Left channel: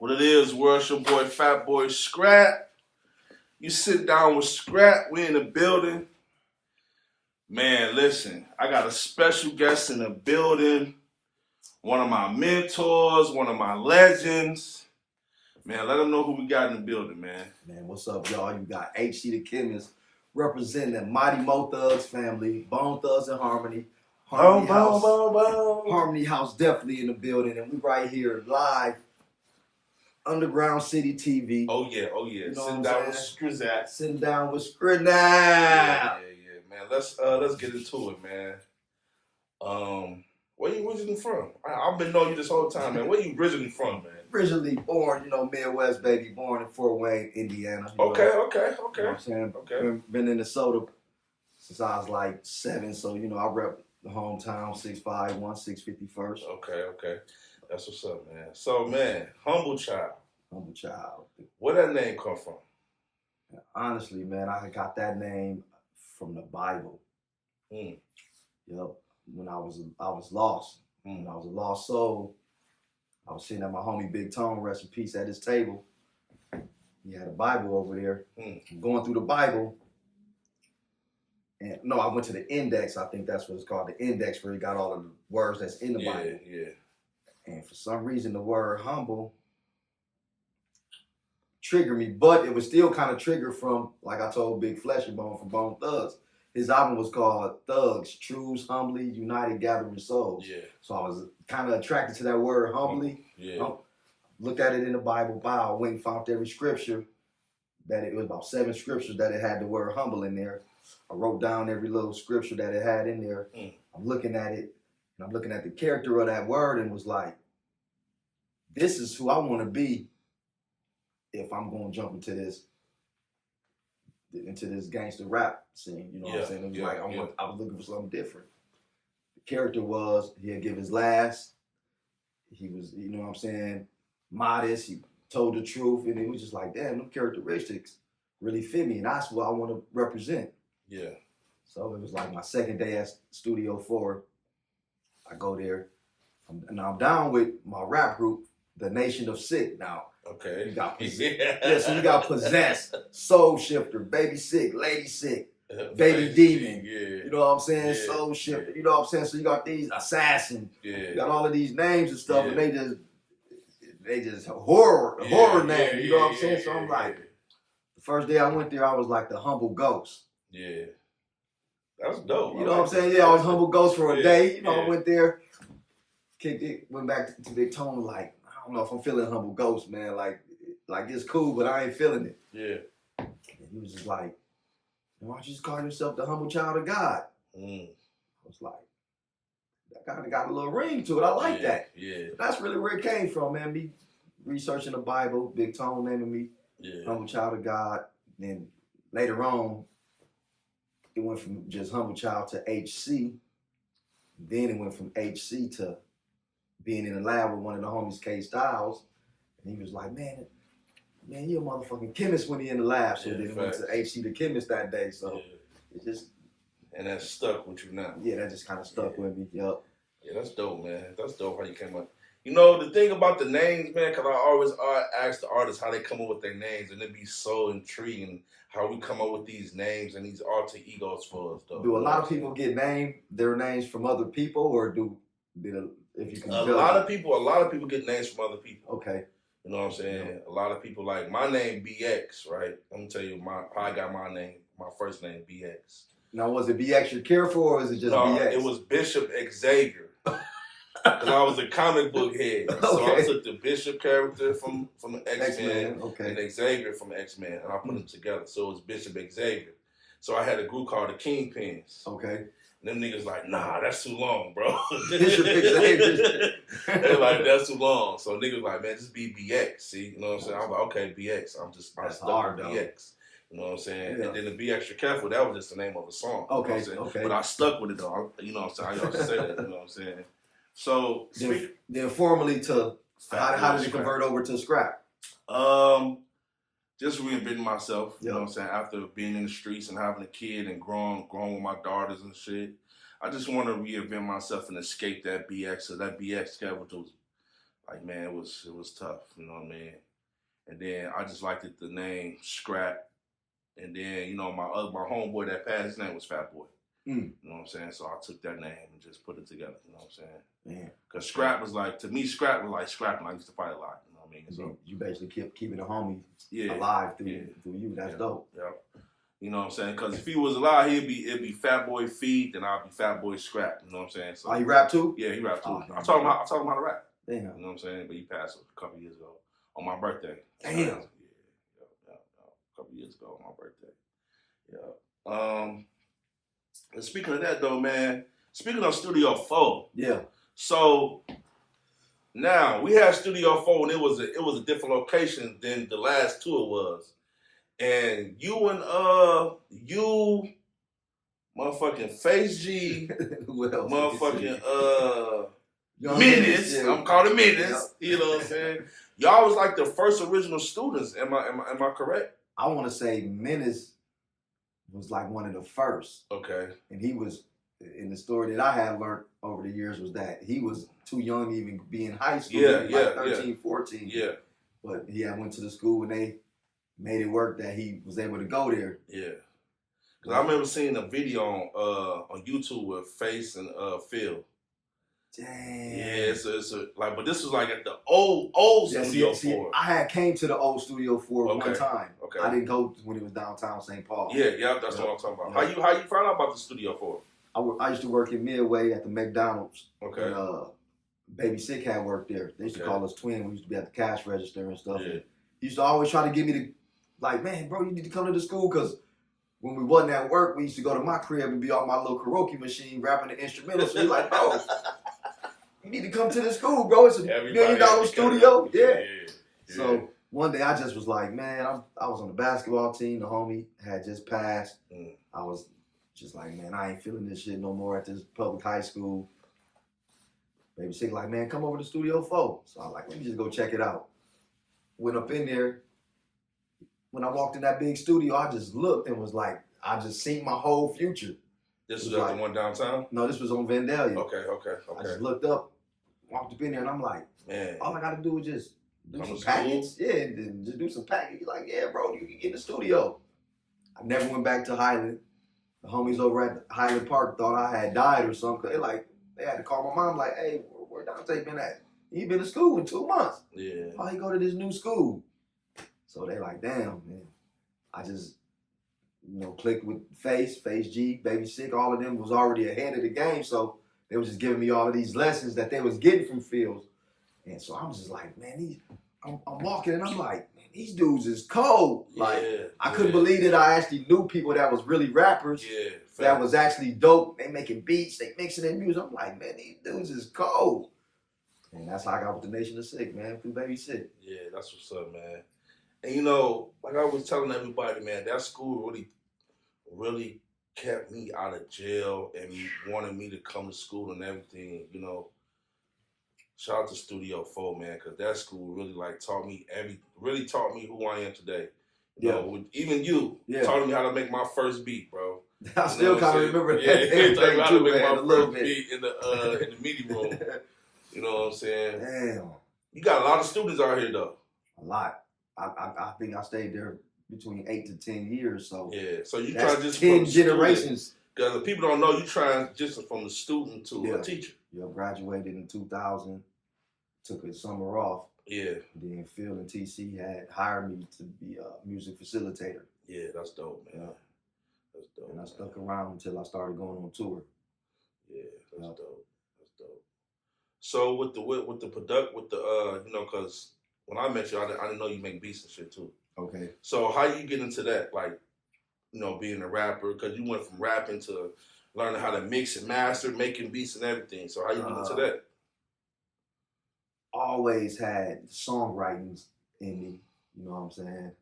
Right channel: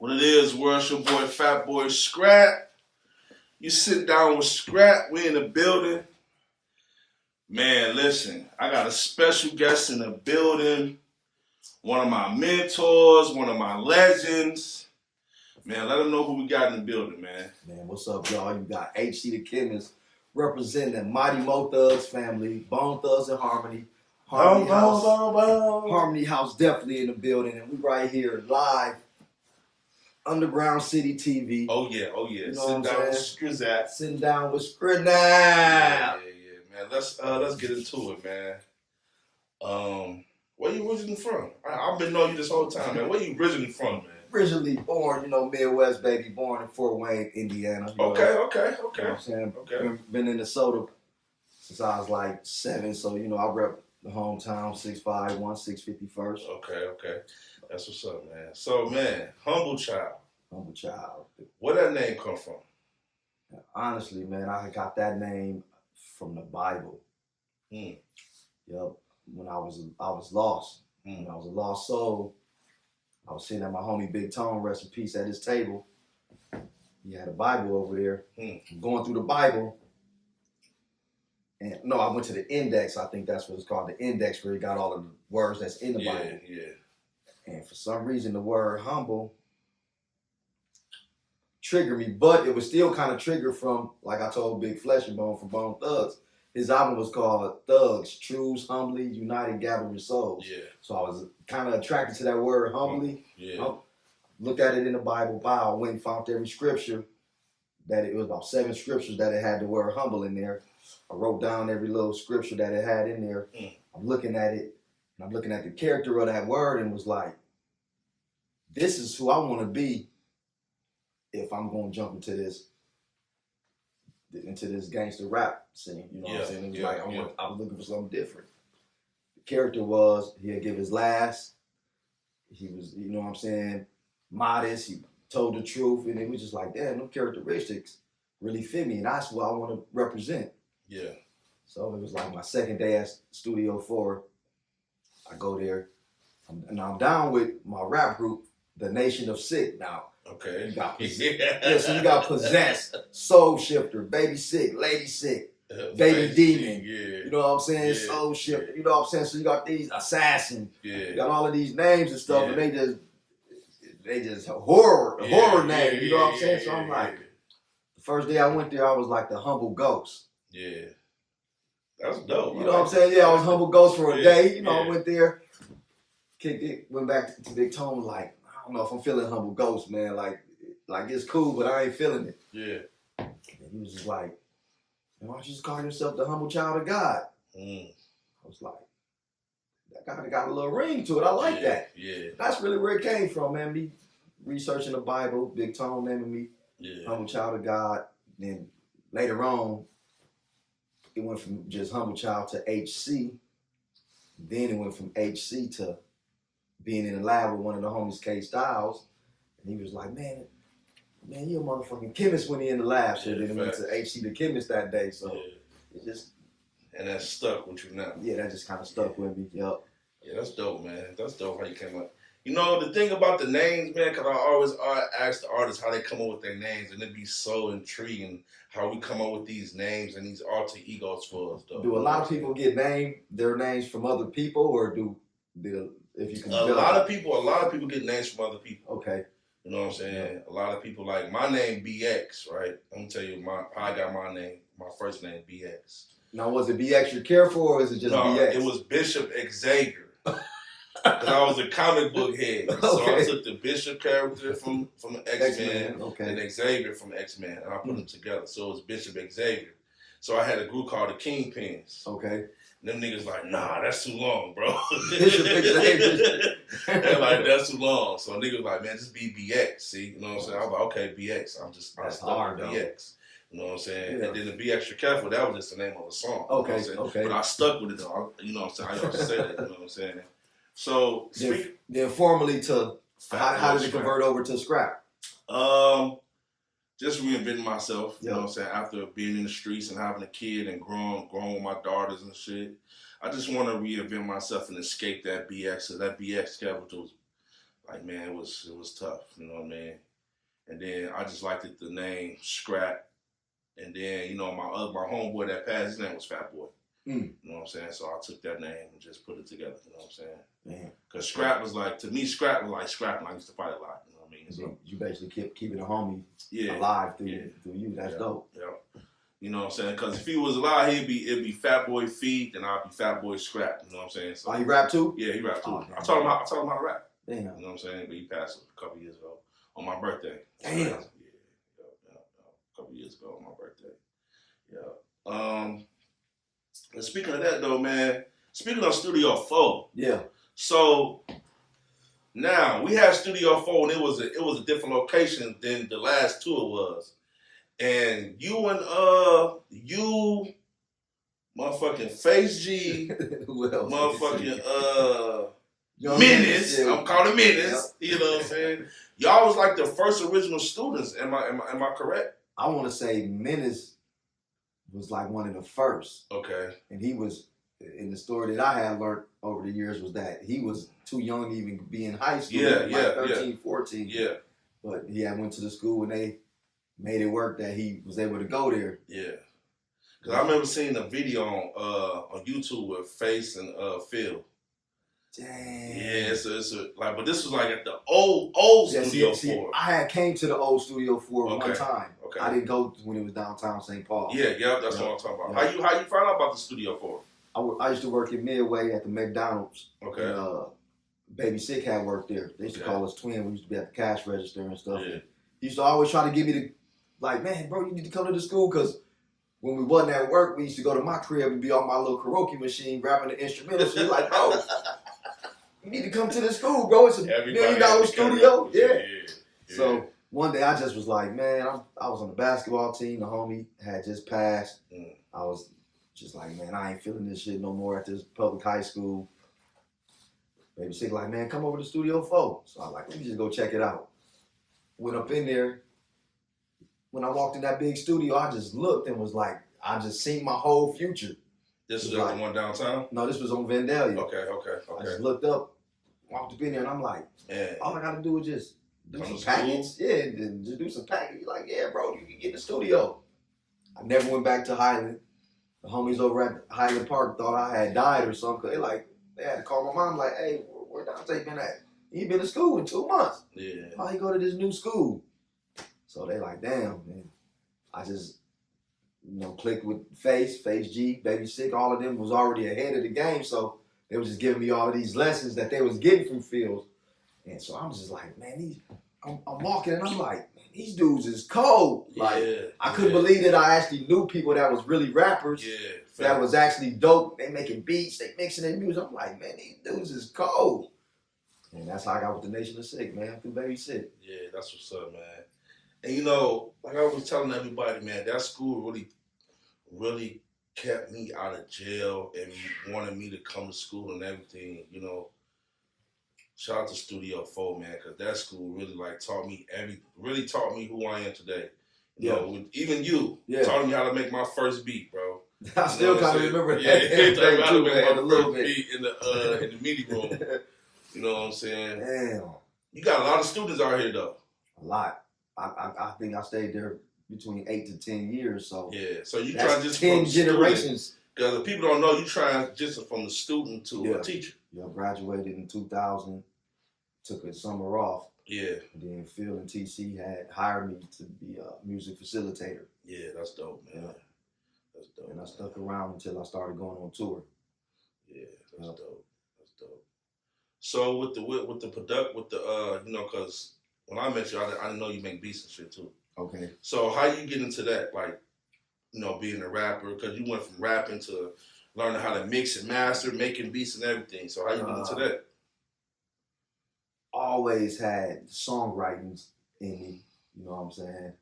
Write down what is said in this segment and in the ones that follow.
What it is, world, your boy, Fat Boy Skrap. You sit down with Skrap, we in the building. Man, listen, I got a special guest in the building. One of my mentors, one of my legends. Man, let them know who we got in the building, man. Man, what's up, y'all? You got HC The Chemist representing the Mighty Mo Thugs family, Bone Thugs and Harmony. Harmony House. Harmony House definitely in the building. And we right here live. Underground City TV. Oh yeah. You know Sitting what down I'm with saying? Skrizat. Sitting down with Skrap now. Yeah, man. Let's get into it, man. Where you originally from? I've been knowing you this whole time, man. Where you originally from, man? Originally born, Midwest baby, born in Fort Wayne, Indiana. Okay. You know what I'm saying? Okay. Been in Minnesota since I was like 7, so I rep the hometown, 6'5", 1/651st. Okay. That's what's up, man. So, man, humble child. Humble child. Where that name come from? Honestly, man, I got that name from the Bible. Yep. When I was lost. When I was a lost soul, I was sitting at my homie Big Tone, rest in peace, at his table. He had a Bible over there. I'm going through the Bible. And no, I went to the index. I think that's what it's called, the index, where he got all of the words that's in the Bible. Yeah. And for some reason, the word humble triggered me, but it was still kind of triggered from, like I told Big Flesh and Bone from Bone Thugs. His album was called Thugs, Truths, Humbly, United, Gathering Souls. Yeah. So I was kind of attracted to that word, humbly. Yeah. Looked at it in the Bible. Wow, I went and found every scripture. It was about 7 scriptures that it had the word humble in there. I wrote down every little scripture that it had in there. I'm looking at it, and I'm looking at the character of that word, and was like, this is who I want to be if I'm going to jump into this gangster rap scene. You know what I'm saying? It was I was looking for something different. The character was, he'd give his last. He was, modest. He told the truth, and it was just like, damn, them characteristics really fit me, and that's what I want to represent. Yeah. So it was like my second day at Studio 4. I go there. I'm down with my rap group, the Nation of Sick now. Okay. You got so you got Possessed, Soul Shifter, Baby Sick, Lady Sick, Baby Demon. Yeah. You know what I'm saying? Yeah. Soul Shifter. You know what I'm saying? So you got these Assassin. Yeah. You got all of these names and stuff, and they just horror names. You know what I'm saying? So I'm like, the first day I went there, I was like the humble ghost. Yeah. That's dope. You know what I'm saying? Yeah, I was humble ghost for a day. I went there, kicked it, went back to Big Tone, like, I don't know if I'm feeling humble ghost, man. Like it's cool, but I ain't feeling it. Yeah. And he was just like, why don't you just call yourself the humble child of God? I was like, that kind of got a little ring to it. I like that. Yeah. That's really where it came from, man. Me researching the Bible, Big Tone naming me humble child of God. Then later on, it went from just humble child to HC. Then it went from HC to being in the lab with one of the homies, K Styles. And he was like, man, you a motherfucking chemist when he in the lab. So then it went to HC The Chemist that day. So it just... And that stuck with you now. Yeah, that just kind of stuck with me. Yup. Yeah, that's dope, man. That's dope how you came up. The thing about the names, man, because I always ask the artists how they come up with their names, and it'd be so intriguing how we come up with these names and these alter egos for us, though. Do a lot of people get their names from other people, or if you can a lot of people get names from other people. Okay. You know what I'm saying? Yep. A lot of people, like my name BX, right? I'm gonna tell you how I got my name, my first name BX. Now, was it BX you're careful, or is it just BX? It was Bishop Xavier. Because I was a comic book head. So I took the Bishop character from X-Men and Xavier from X-Men, and I put them together. So it was Bishop Xavier. So I had a group called the Kingpins. Okay. And them niggas like, nah, that's too long, bro. Bishop Xavier. They're like, that's too long. So niggas like, man, just be BX. See? You know what I'm saying? I was like, okay, BX. I'm hard, BX. You know what I'm saying? Yeah. And then to be extra careful, that was just the name of a song. Okay, you know But I stuck with it though. You know what I'm saying? I used to say that. You know what I'm saying? So then formally how did it convert over to Skrap? Just reinventing myself. You know what I'm saying? After being in the streets and having a kid and growing with my daughters and shit, I just want to reinvent myself and escape that BX. So that BX character was like, man, it was tough. You know what I mean? And then I just liked the name Skrap. And then, you know, my homeboy that passed, his name was Fat Boy. You know what I'm saying? So I took that name and just put it together. You know what I'm saying? Because Skrap was like, to me, Skrap was like scrapping. I used to fight a lot. You know what I mean? So you basically kept keeping the homie alive through you. That's dope. Yeah. You know what I'm saying? Because if he was alive, it'd be Fat Boy Feed, and I'd be Fat Boy Skrap. You know what I'm saying? So, he rap too? Yeah, he rap too. I taught him how to rap. Damn. You know what I'm saying? But he passed a couple years ago on my birthday. Damn. Yeah. A couple years ago on my birthday. Yeah. And speaking of that though, man, speaking of Studio 4. Yeah. So now we had Studio 4 and it was a different location than the last tour was. And you motherfucking Face G, who else? motherfucking Menace. Yeah. I'm calling Menace. Yeah. You know what I'm saying? Y'all was like the first original students. Am I correct? I want to say Menace was like one of the first. Okay. And he was, in the story that I had learned over the years, was that he was too young to even be in high school. Like 13, 14. Yeah. But he had went to the school and they made it work that he was able to go there. Yeah. Cause I remember seeing a video on YouTube with Face and Phil. Dang. Yeah, it's a like, but this was like at the old Studio 4. I had came to the old Studio 4 one time. Okay. I didn't go when it was downtown St. Paul. Yeah, that's what I'm talking about. How you found out about the Studio 4? I used to work in Midway at the McDonald's. Okay. And, Baby Sick had worked there. They used to call us twin. We used to be at the cash register and stuff. Yeah. And he used to always try to get me to, like, man, bro, you need to come to the school, because when we wasn't at work, we used to go to my crib and be on my little karaoke machine rapping the instrumental. So he's like, bro, you need to come to the school, bro. It's a $1 million studio. Yeah. So one day I just was like, man, I was on the basketball team. The homie had just passed. I was just like, man, I ain't feeling this shit no more at this public high school. Baby Sick like, man, come over to Studio 4. So I was like, let me just go check it out. Went up in there. When I walked in that big studio, I just looked and was like, I just seen my whole future. This was like the one downtown? No, this was on Vandalia. Okay. I just looked up, walked up in there, and I'm like, man, all I got to do is just do some packets. Yeah, and just do some packets. He's like, yeah, bro, you can get in the studio. I never went back to Highland. The homies over at Highland Park thought I had died or something. They had to call my mom like, hey, where Dante been at? He been to school in 2 months. Yeah. Why he go to this new school? So they like, damn, man. I just, clicked with Face G, Baby Sick. All of them was already ahead of the game. So they was just giving me all of these lessons that they was getting from Fields. And so I'm just like, man, I'm walking and I'm like, man, these dudes is cold. Like, I couldn't believe that I actually knew people that was really rappers. Yeah. That was actually dope. They making beats, they mixing their music. I'm like, man, these dudes is cold. And that's how I got with the Nation of Sick, man, through Baby Sick. Yeah, that's what's up, man. And like I was telling everybody, man, that school really kept me out of jail and wanted me to come to school and everything, Shout out to Studio 4, man, because that school really taught me who I am today. Even you taught me how to make my first beat, bro. I still kind of remember that too, man, a little bit. In the meeting room. You know what I'm saying? Damn. You got a lot of students out here, though. A lot. I think I stayed there between 8 to 10 years. So so you try just 10 generations. Because the people don't know, you try just from the student to a teacher. Yeah, graduated in 2000. Took a summer off. Yeah. Then Phil and TC had hired me to be a music facilitator. Yeah, that's dope, man. Yeah. That's dope. And I stuck around until I started going on tour. Yeah, that's dope. That's dope. So with because when I met you, I didn't know you make beats and shit too. Okay. So how you get into that, being a rapper? Because you went from rapping to learning how to mix and master, making beats and everything. So how you get into that? Always had songwritings in me. You know what I'm saying?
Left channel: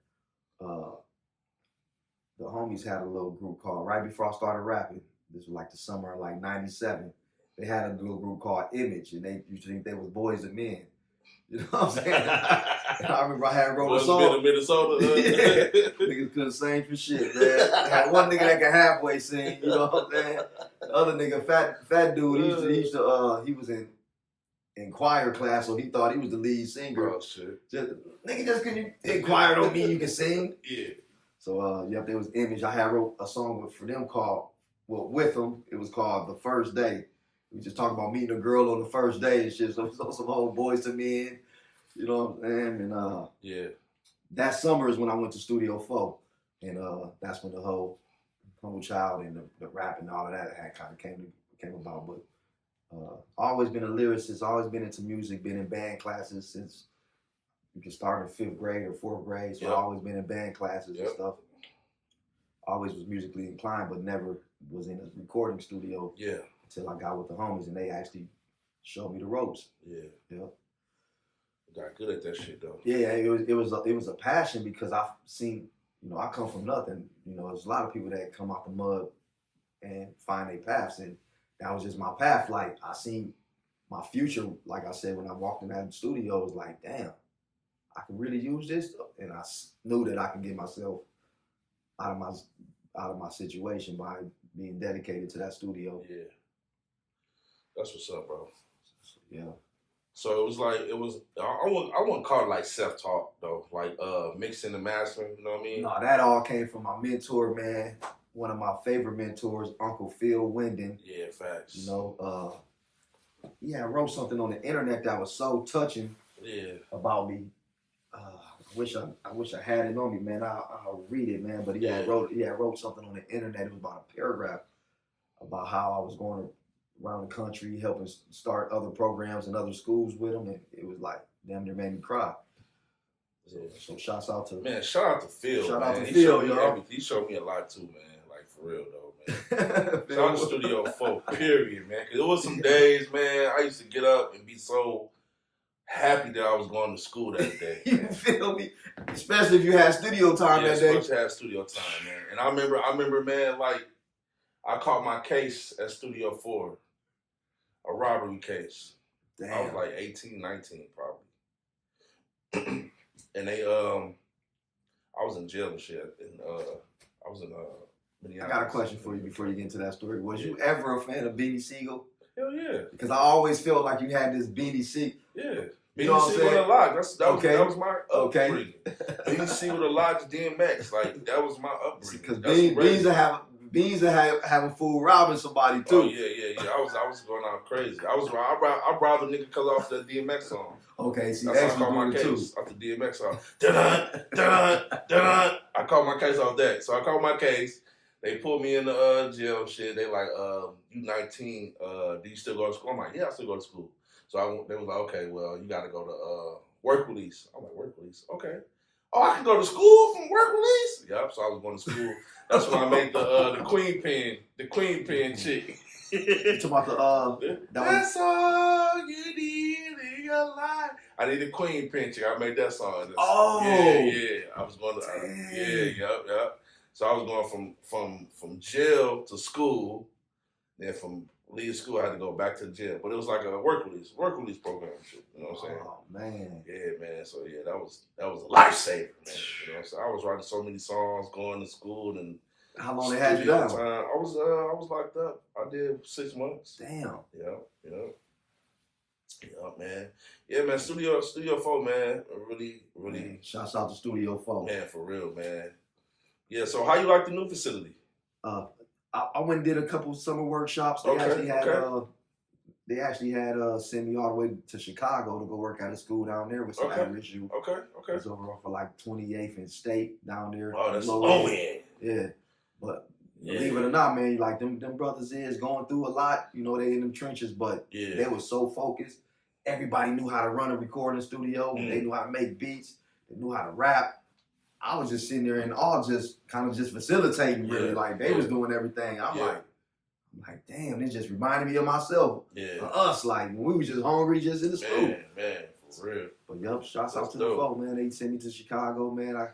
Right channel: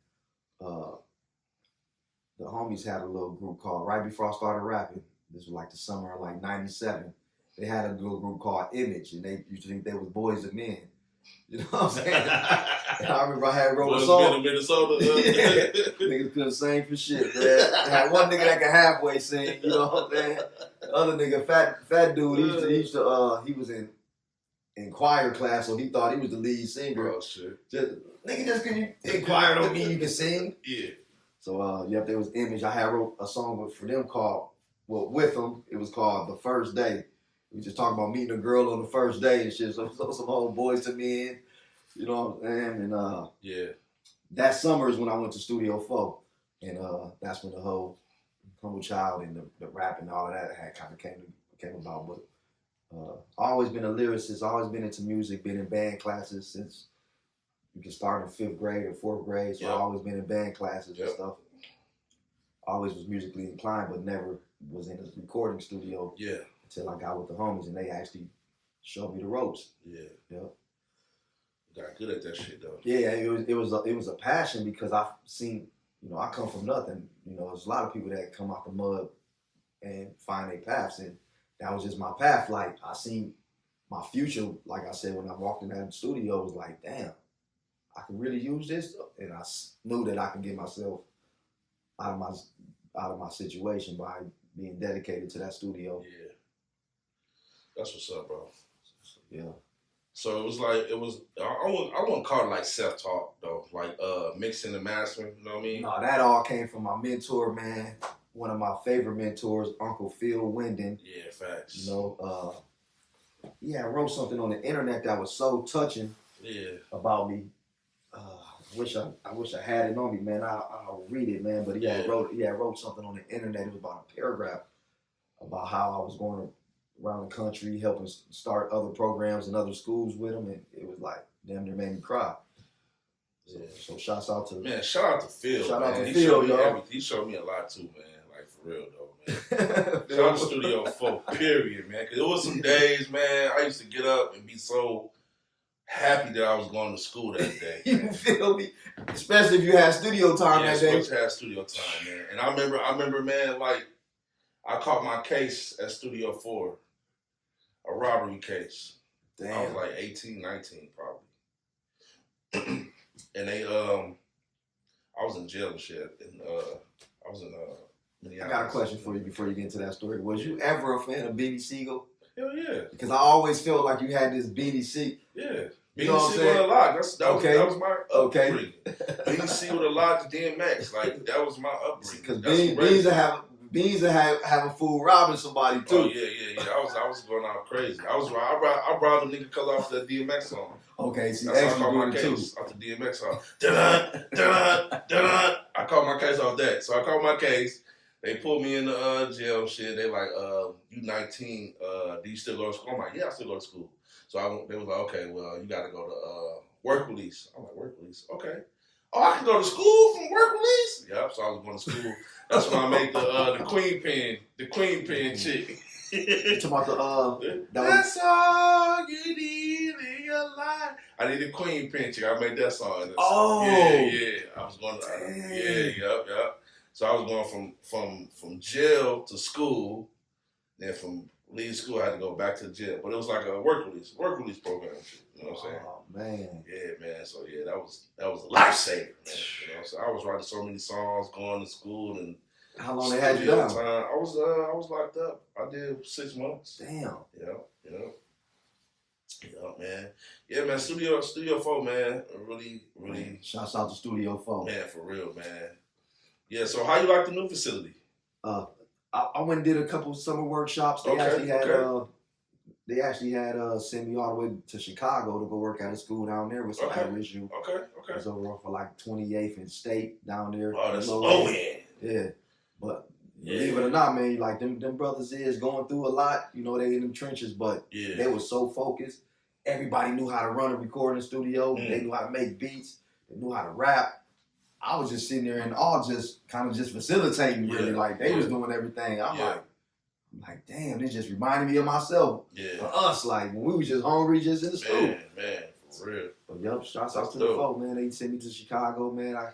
The homies had a little group called, right before I started rapping, this was like the summer of 97, they had a little group called Image, and they used to think they was boys and men. You know what I'm saying? And I remember I had wrote a song. Minnesota. Niggas couldn't sing for shit, man. I had one nigga that could halfway sing, you know what I'm saying? The other nigga, fat dude, he was in in choir class, so he thought he was the lead singer. Oh shit! Nigga, just because you inquired don't mean you can sing. Yeah. So yep, there was Image. I had wrote a song for them called with them. It was called The First Day. We just talking about meeting a girl on the first day and shit. So some old boys to men, you know what I'm saying? And yeah, that summer is when I went to Studio 4, and that's when the whole Humble Child and the rap and all of that had kind of came about. But always been a lyricist, always been into music, been in band classes since you can start in 5th grade or 4th grade. So I always been in band classes and stuff. Always was musically inclined, but never was in a recording studio. Yeah. Until I got with the homies and they actually showed me the ropes. Yeah. Yep. Got good at that shit though. Yeah, it was a passion because I've seen, you know, I come from nothing. You know, there's a lot of people that come out the mud and find their paths, and that was just my path. Like I seen my future, like I said, when I walked in that studio, it was like, damn, I can really use this, and I knew that I could get myself out of my situation by being dedicated to that studio. Yeah. That's what's up, bro. Yeah. So I wouldn't call it like self-taught though, like mixing and mastering, you know what I mean? No, that all came from my mentor, man. One of my favorite mentors, Uncle Phil Winden. Yeah, facts. You know, I wrote something on the internet that was so touching about me. I wish I had it on me, man. I'll read it, man. But he had wrote something on the internet. It was about a paragraph about how I was going around the country, helping start other programs in other schools with him, and it was like damn near made me cry. So shouts out to shout out to Phil. Shout out to Phil, y'all. He showed me a lot too, man. Like for real though, man. Shout out to Studio 4, period, man. Cause it was some days, man. I used to get up and be so happy that I was going to school that day. You feel me? Especially if you had studio time that day. Especially had studio time, man. And I remember, man, like I caught my case at Studio 4. A robbery case. Damn. I was like 18, 19 probably. And they I was in jail and shit. And I was in Minneapolis. I got a question for you before you get into that story. Was you ever a fan of Beanie Siegel? Hell yeah. Because I always felt like you had this Beanie Siegel. Yeah. You know what I'm saying? Beanie Siegel and that was my upbringing. Beanie Siegel and Lodge DMX. Like that was my upbringing. Because Beans are having fool robbing somebody too. Oh yeah. I was going out crazy. I brought a nigga color off that DMX song. Okay, see, X was doing it too. Off the DMX song. I caught my case off that. So I caught my case. They put me in the jail shit. They like, you 19, do you still go to school? I'm like, yeah, I still go to school. So they was like, okay, well, you got to go to work release. I'm like, work release? Okay. Oh, I can go to school from work release? Yep, so I was going to school. That's when I made the queen pin chick. You talking about that's all you need in your life. I need a queen pin chick. I made that song. Yeah. I was going to yep. So I was going from jail to school. Then from leave school, I had to go back to jail. But it was like a work release program shit. You know what I'm saying? Oh man. Yeah, man. So yeah, that was a lifesaver, man. You know, so I was writing so many songs, going to school, and how long they had you down? I was locked up. I did 6 months. Damn. Yeah, man. Yeah, man. Studio 4, man. Really. Man, shouts out to Studio 4. Man, for real, man. Yeah. So how you like the new facility? I went and did a couple summer workshops. They actually had sent me all the way to Chicago to go work at a school down there with some average youth. Okay. It was over for like 28th and State down there. Oh, that's low end. Yeah, but believe it or not, man, like them brothers is going through a lot. You know, they in them trenches, but they were so focused. Everybody knew how to run a recording studio. They knew how to make beats. They knew how to rap. I was just sitting there and all just kind of just facilitating, really. Like they was doing everything. I'm like, damn, this just reminded me of myself. Yeah. Of us, like when we was just hungry, just in the school. Man, for real. But yup, shouts out to the folk, man. They sent me to Chicago, man. I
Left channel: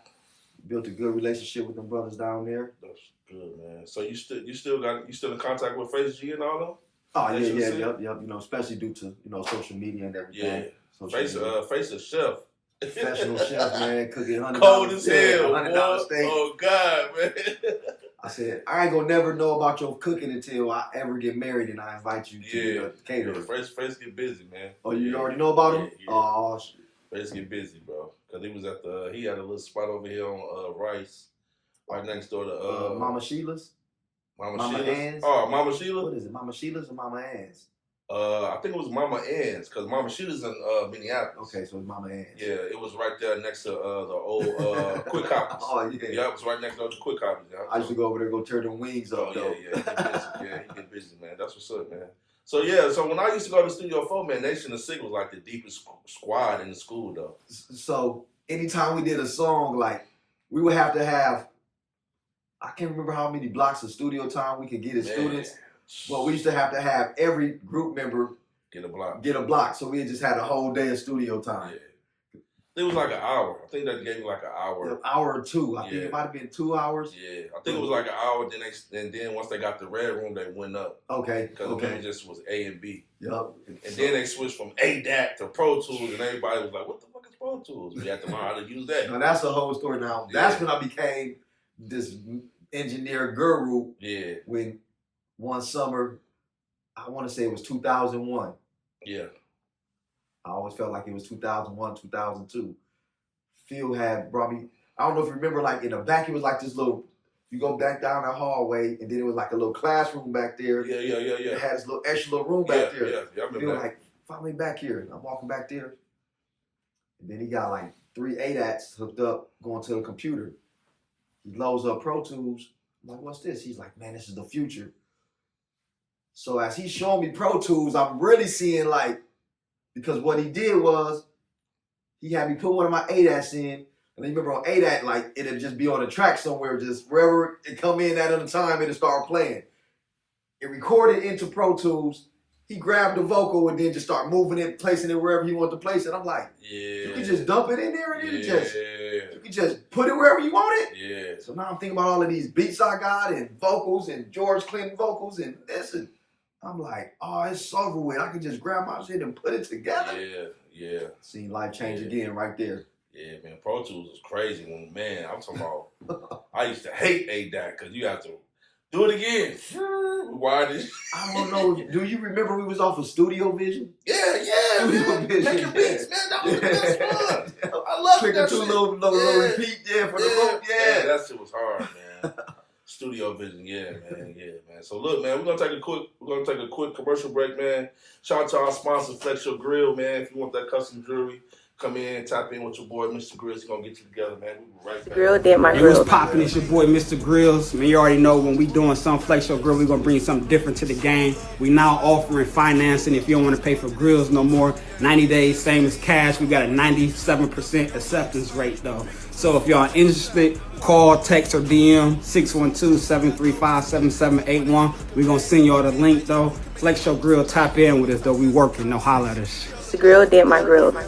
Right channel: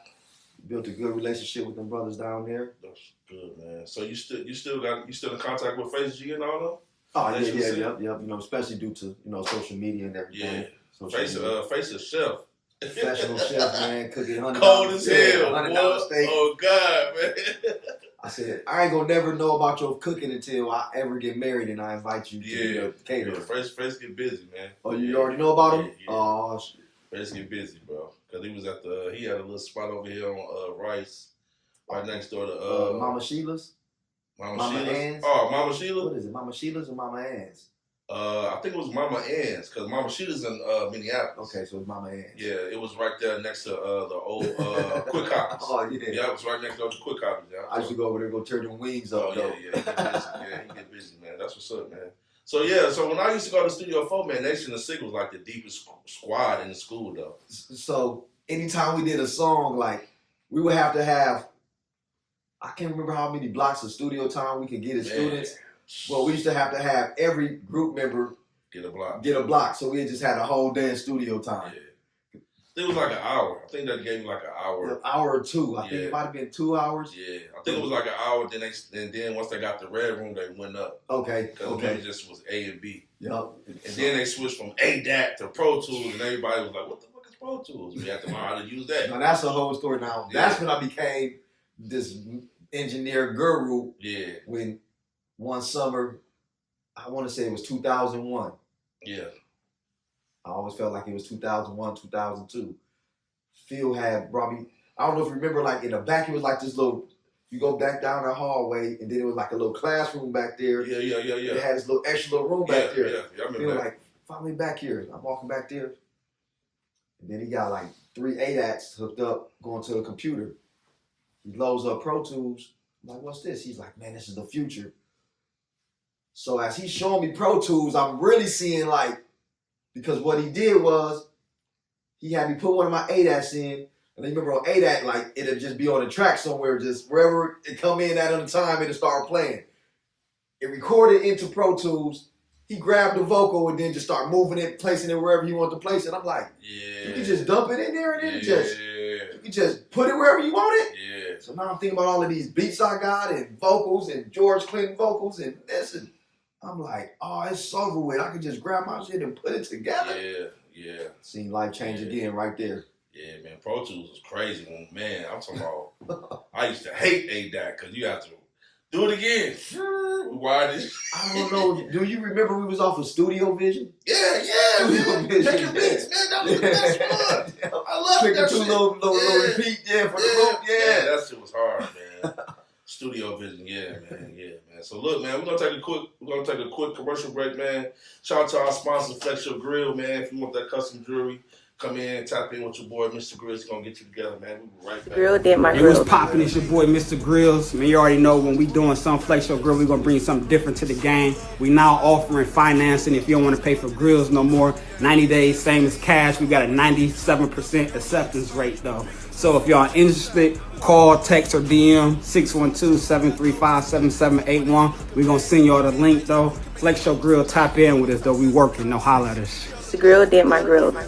built a good relationship with them brothers down there. That's good, man. So you still in contact with Face G and all them? Oh yep. You know, especially due to social media and everything. Yeah. Face a chef. Professional chef, man, cooking $100 cold as hell. $100 steak. Oh God, man. I said, I ain't gonna never know about your cooking until I ever get married and I invite you to be a caterer. Fresh get busy, man. Oh, you already know about him? Yeah. Oh, shit. Fresh get busy, bro. Because he was at he had a little spot over here on Rice, right next door to Mama Sheila's? Mama Ann's? Oh, Mama Sheila? What is it, Mama Sheila's or Mama Ann's? I think it was Mama Ann's, because Mama Sheila's in Minneapolis. Okay, so it's Mama Ann's. Yeah, it was right there next to the old Quick Copies. Oh, yeah. Yeah, it was right next door to Quick Copies. Yeah. I used to go over there and go turn them wings up, though. Yeah, he get busy, man. That's what's up, man. So when I used to go to Studio 4, man, Nation of Sick was like the deepest squad in the school, though. So anytime we did a song, like, we would have to have, I can't remember how many blocks of studio time we could get as students, but we used to have every group member get a block. So we just had a whole day of studio time. Yeah. It was like an hour. I think that gave me like an hour. An hour or two. I think it might have been 2 hours. Yeah, I think it was like an hour. Then once they got the red room, they went up. Okay. Because it just was A and B. Yep. And then they switched from ADAT to Pro Tools, and everybody was like, "What the fuck is Pro Tools?" We had to learn how to use that. Now that's a whole story. Now that's when I became this engineer guru. Yeah. When one summer, I want to say it was 2001. Yeah. I always felt like it was 2001, 2002. Phil had brought me, I don't know if you remember, like in the back, it was like this little, you go back down the hallway, and then it was like a little classroom back there. Yeah. It had this little extra little room back there. Yeah, I remember Phil that. like, follow me back here. And I'm walking back there. And then he got like 3 ADATs hooked up, going to the computer. He loads up Pro Tools. I'm like, what's this? He's like, man, this is the future. So as he's showing me Pro Tools, I'm really seeing like, because what he did was, he had me put one of my ADATs in, and I remember on ADAT, like, it'd just be on a track somewhere, just wherever it come in at a time, it'd start playing. It recorded into Pro Tools. He grabbed the vocal and then just start moving it, placing it wherever he wanted to place it. I'm like, you can just dump it in there and then you can just put it wherever you want it. Yeah. So now I'm thinking about all of these beats I got and vocals and George Clinton vocals and this, and I'm like, oh, it's over with. I can just grab my shit and put it together. Yeah. Seen life change again right there. Yeah, man. Pro Tools was crazy. Man, I'm talking about, I used to hate ADAT because you have to do it again. Why did I don't know. Do you remember we was off of Studio Vision? Yeah. Studio Vision. Man, that was fun. I love Click that two shit. little repeat, for the loop, Yeah, that shit was hard, man. Studio Vision, yeah, man. So look, man, we're gonna take a quick commercial break, man. Shout out to our sponsor, Flex Your Grill, man. If you want that custom jewelry, come in, tap in with your boy, Mr. Grills. He's gonna get you together, man. We'll be right back. Grill did my Hey, grill. what's poppin'? It's your boy, Mr. Grills. Man, you already know when we doing some Flex Your Grill, we gonna bring something different to the game. We now offering financing if you don't want to pay for grills no more. 90 days, same as cash. We got a 97% acceptance rate though. So if y'all interested, call, text, or DM 612-735-7781. We gonna send y'all the link though. Flex Your Grill, tap in with us though. We working, no holla at us. The grill did my grill. Man,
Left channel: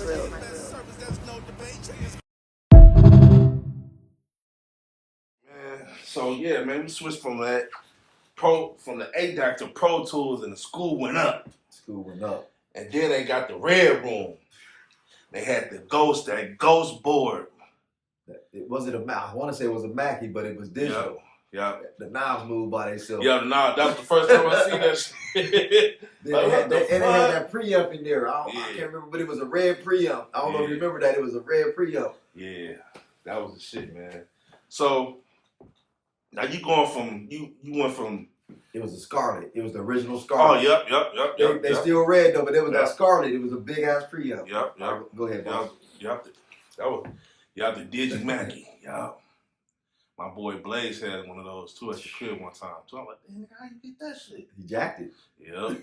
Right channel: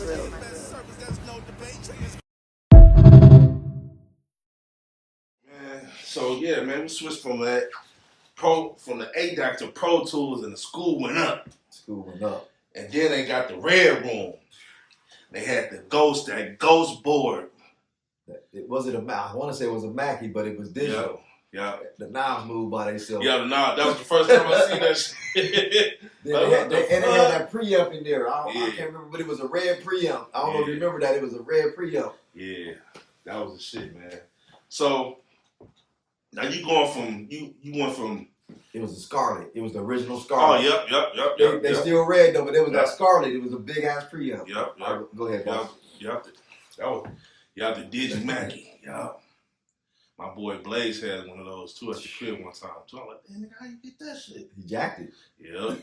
so yeah, man, we switched from the ADAC to Pro Tools, and the school went up. And then they got the red room. They had that ghost board. It wasn't a Mac. I want to say it was a Mackie, but it was digital. Yeah. The knobs moved by themselves. Yeah, that was the first time I seen that shit. Then it had that preamp in there. I can't remember, but it was a red preamp. I don't know if you remember that. It was a red preamp. Yeah, that was the shit, man. So now you going from you went from. It was a Scarlet. It was the original Scarlet. Oh, yep. They still red though, but it was that Scarlet. It was a big ass preamp. Yep. Go ahead, boss. Y'all the Digi Mackie. Yup. My boy Blaze had one of those too at the crib one time. So I'm like, man, how you get that shit? He jacked it. Yep.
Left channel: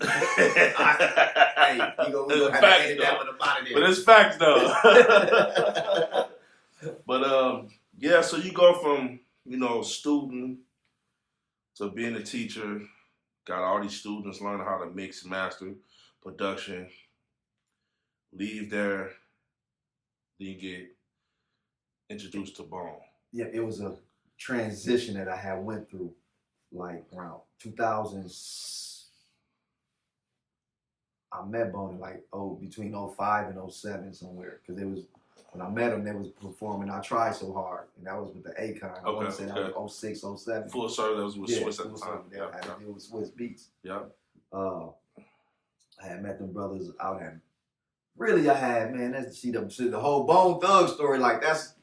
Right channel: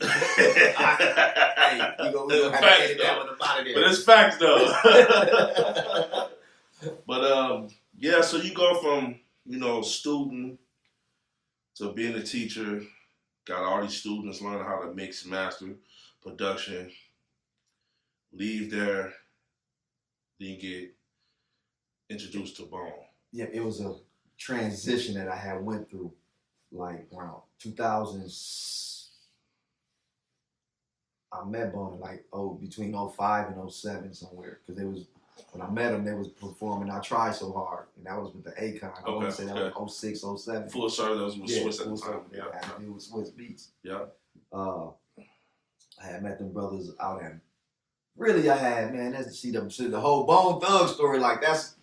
Hey, we gonna have to edit that one up out of there. But it's facts though. But so you go from, student to being a teacher, got all these students learning how to mix, master, production, leave there, then get introduced to Bone. Yeah, it was a transition that I had went through, like around 2000. I met Bone in between 05 and 07 somewhere, because it was when I met them, they was performing I Tried So Hard, and that was with the Akon. I want to say that was 06, 07. Full Service, that was with Swiss at the time. Yeah, I had to deal with Swiss Beats. Yeah. I had met them brothers out at. Really, I had, man. That's the whole Bone Thug story. Like that's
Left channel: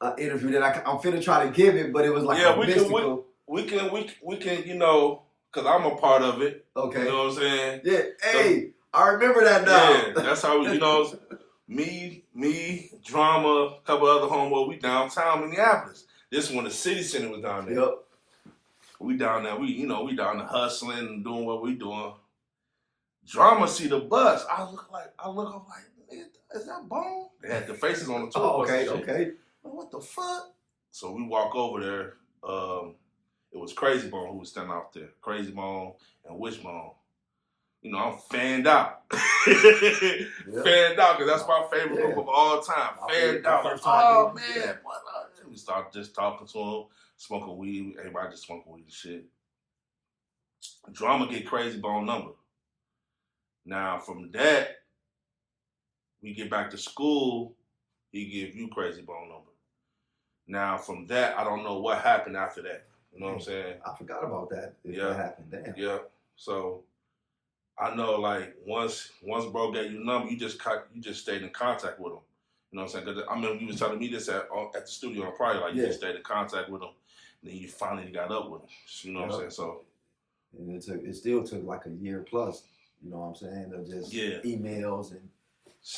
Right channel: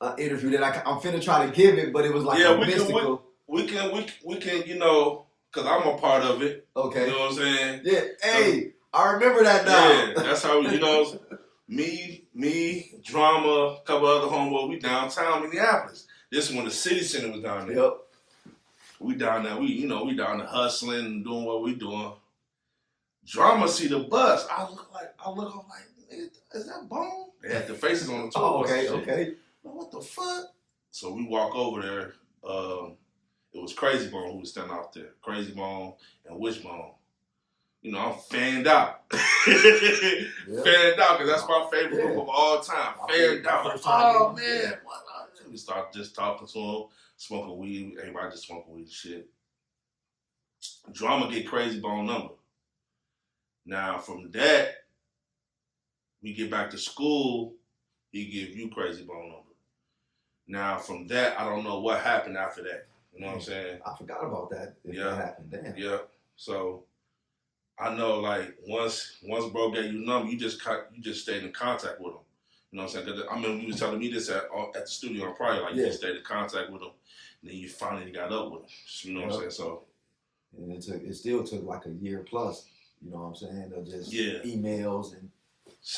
an interview that I'm finna try to give it, but it was like a mystical. We can, you know, because I'm a part of it. Okay. You know what I'm saying? Yeah. Hey, I remember that now. Yeah, that's how, you know, me, Drama, a couple other homeboys, we downtown Minneapolis. This when the city center was down there. Yep. We down there, we down there hustling and doing what we doing. Drama see the bus. I'm like, is that Bone? They had the faces on the tour bus. Okay. What the fuck? So we walk over there. It was Crazy Bone who was standing out there. Crazy Bone and Wishbone. You know, I'm fanned out. Fanned out, because that's my favorite group of all time. Fanned out. Oh, man. We start just talking to him, smoking weed. Everybody just smoking weed and shit. Drama get Crazy Bone number. Now, from that, we get back to school, he give you Crazy Bone number. Now, from that, I don't know what happened after that. You know what I'm saying? I forgot about that. That happened. Damn. Yeah. So I know, like, once bro gave you a number, you just stayed in contact with him. You know what I'm saying? I mean, you was telling me this at the studio on Friday, like, you just stayed in contact with him, and then you finally got up with him. You know what I'm saying? So, and it still took like a year plus. You know what I'm saying? Of just emails and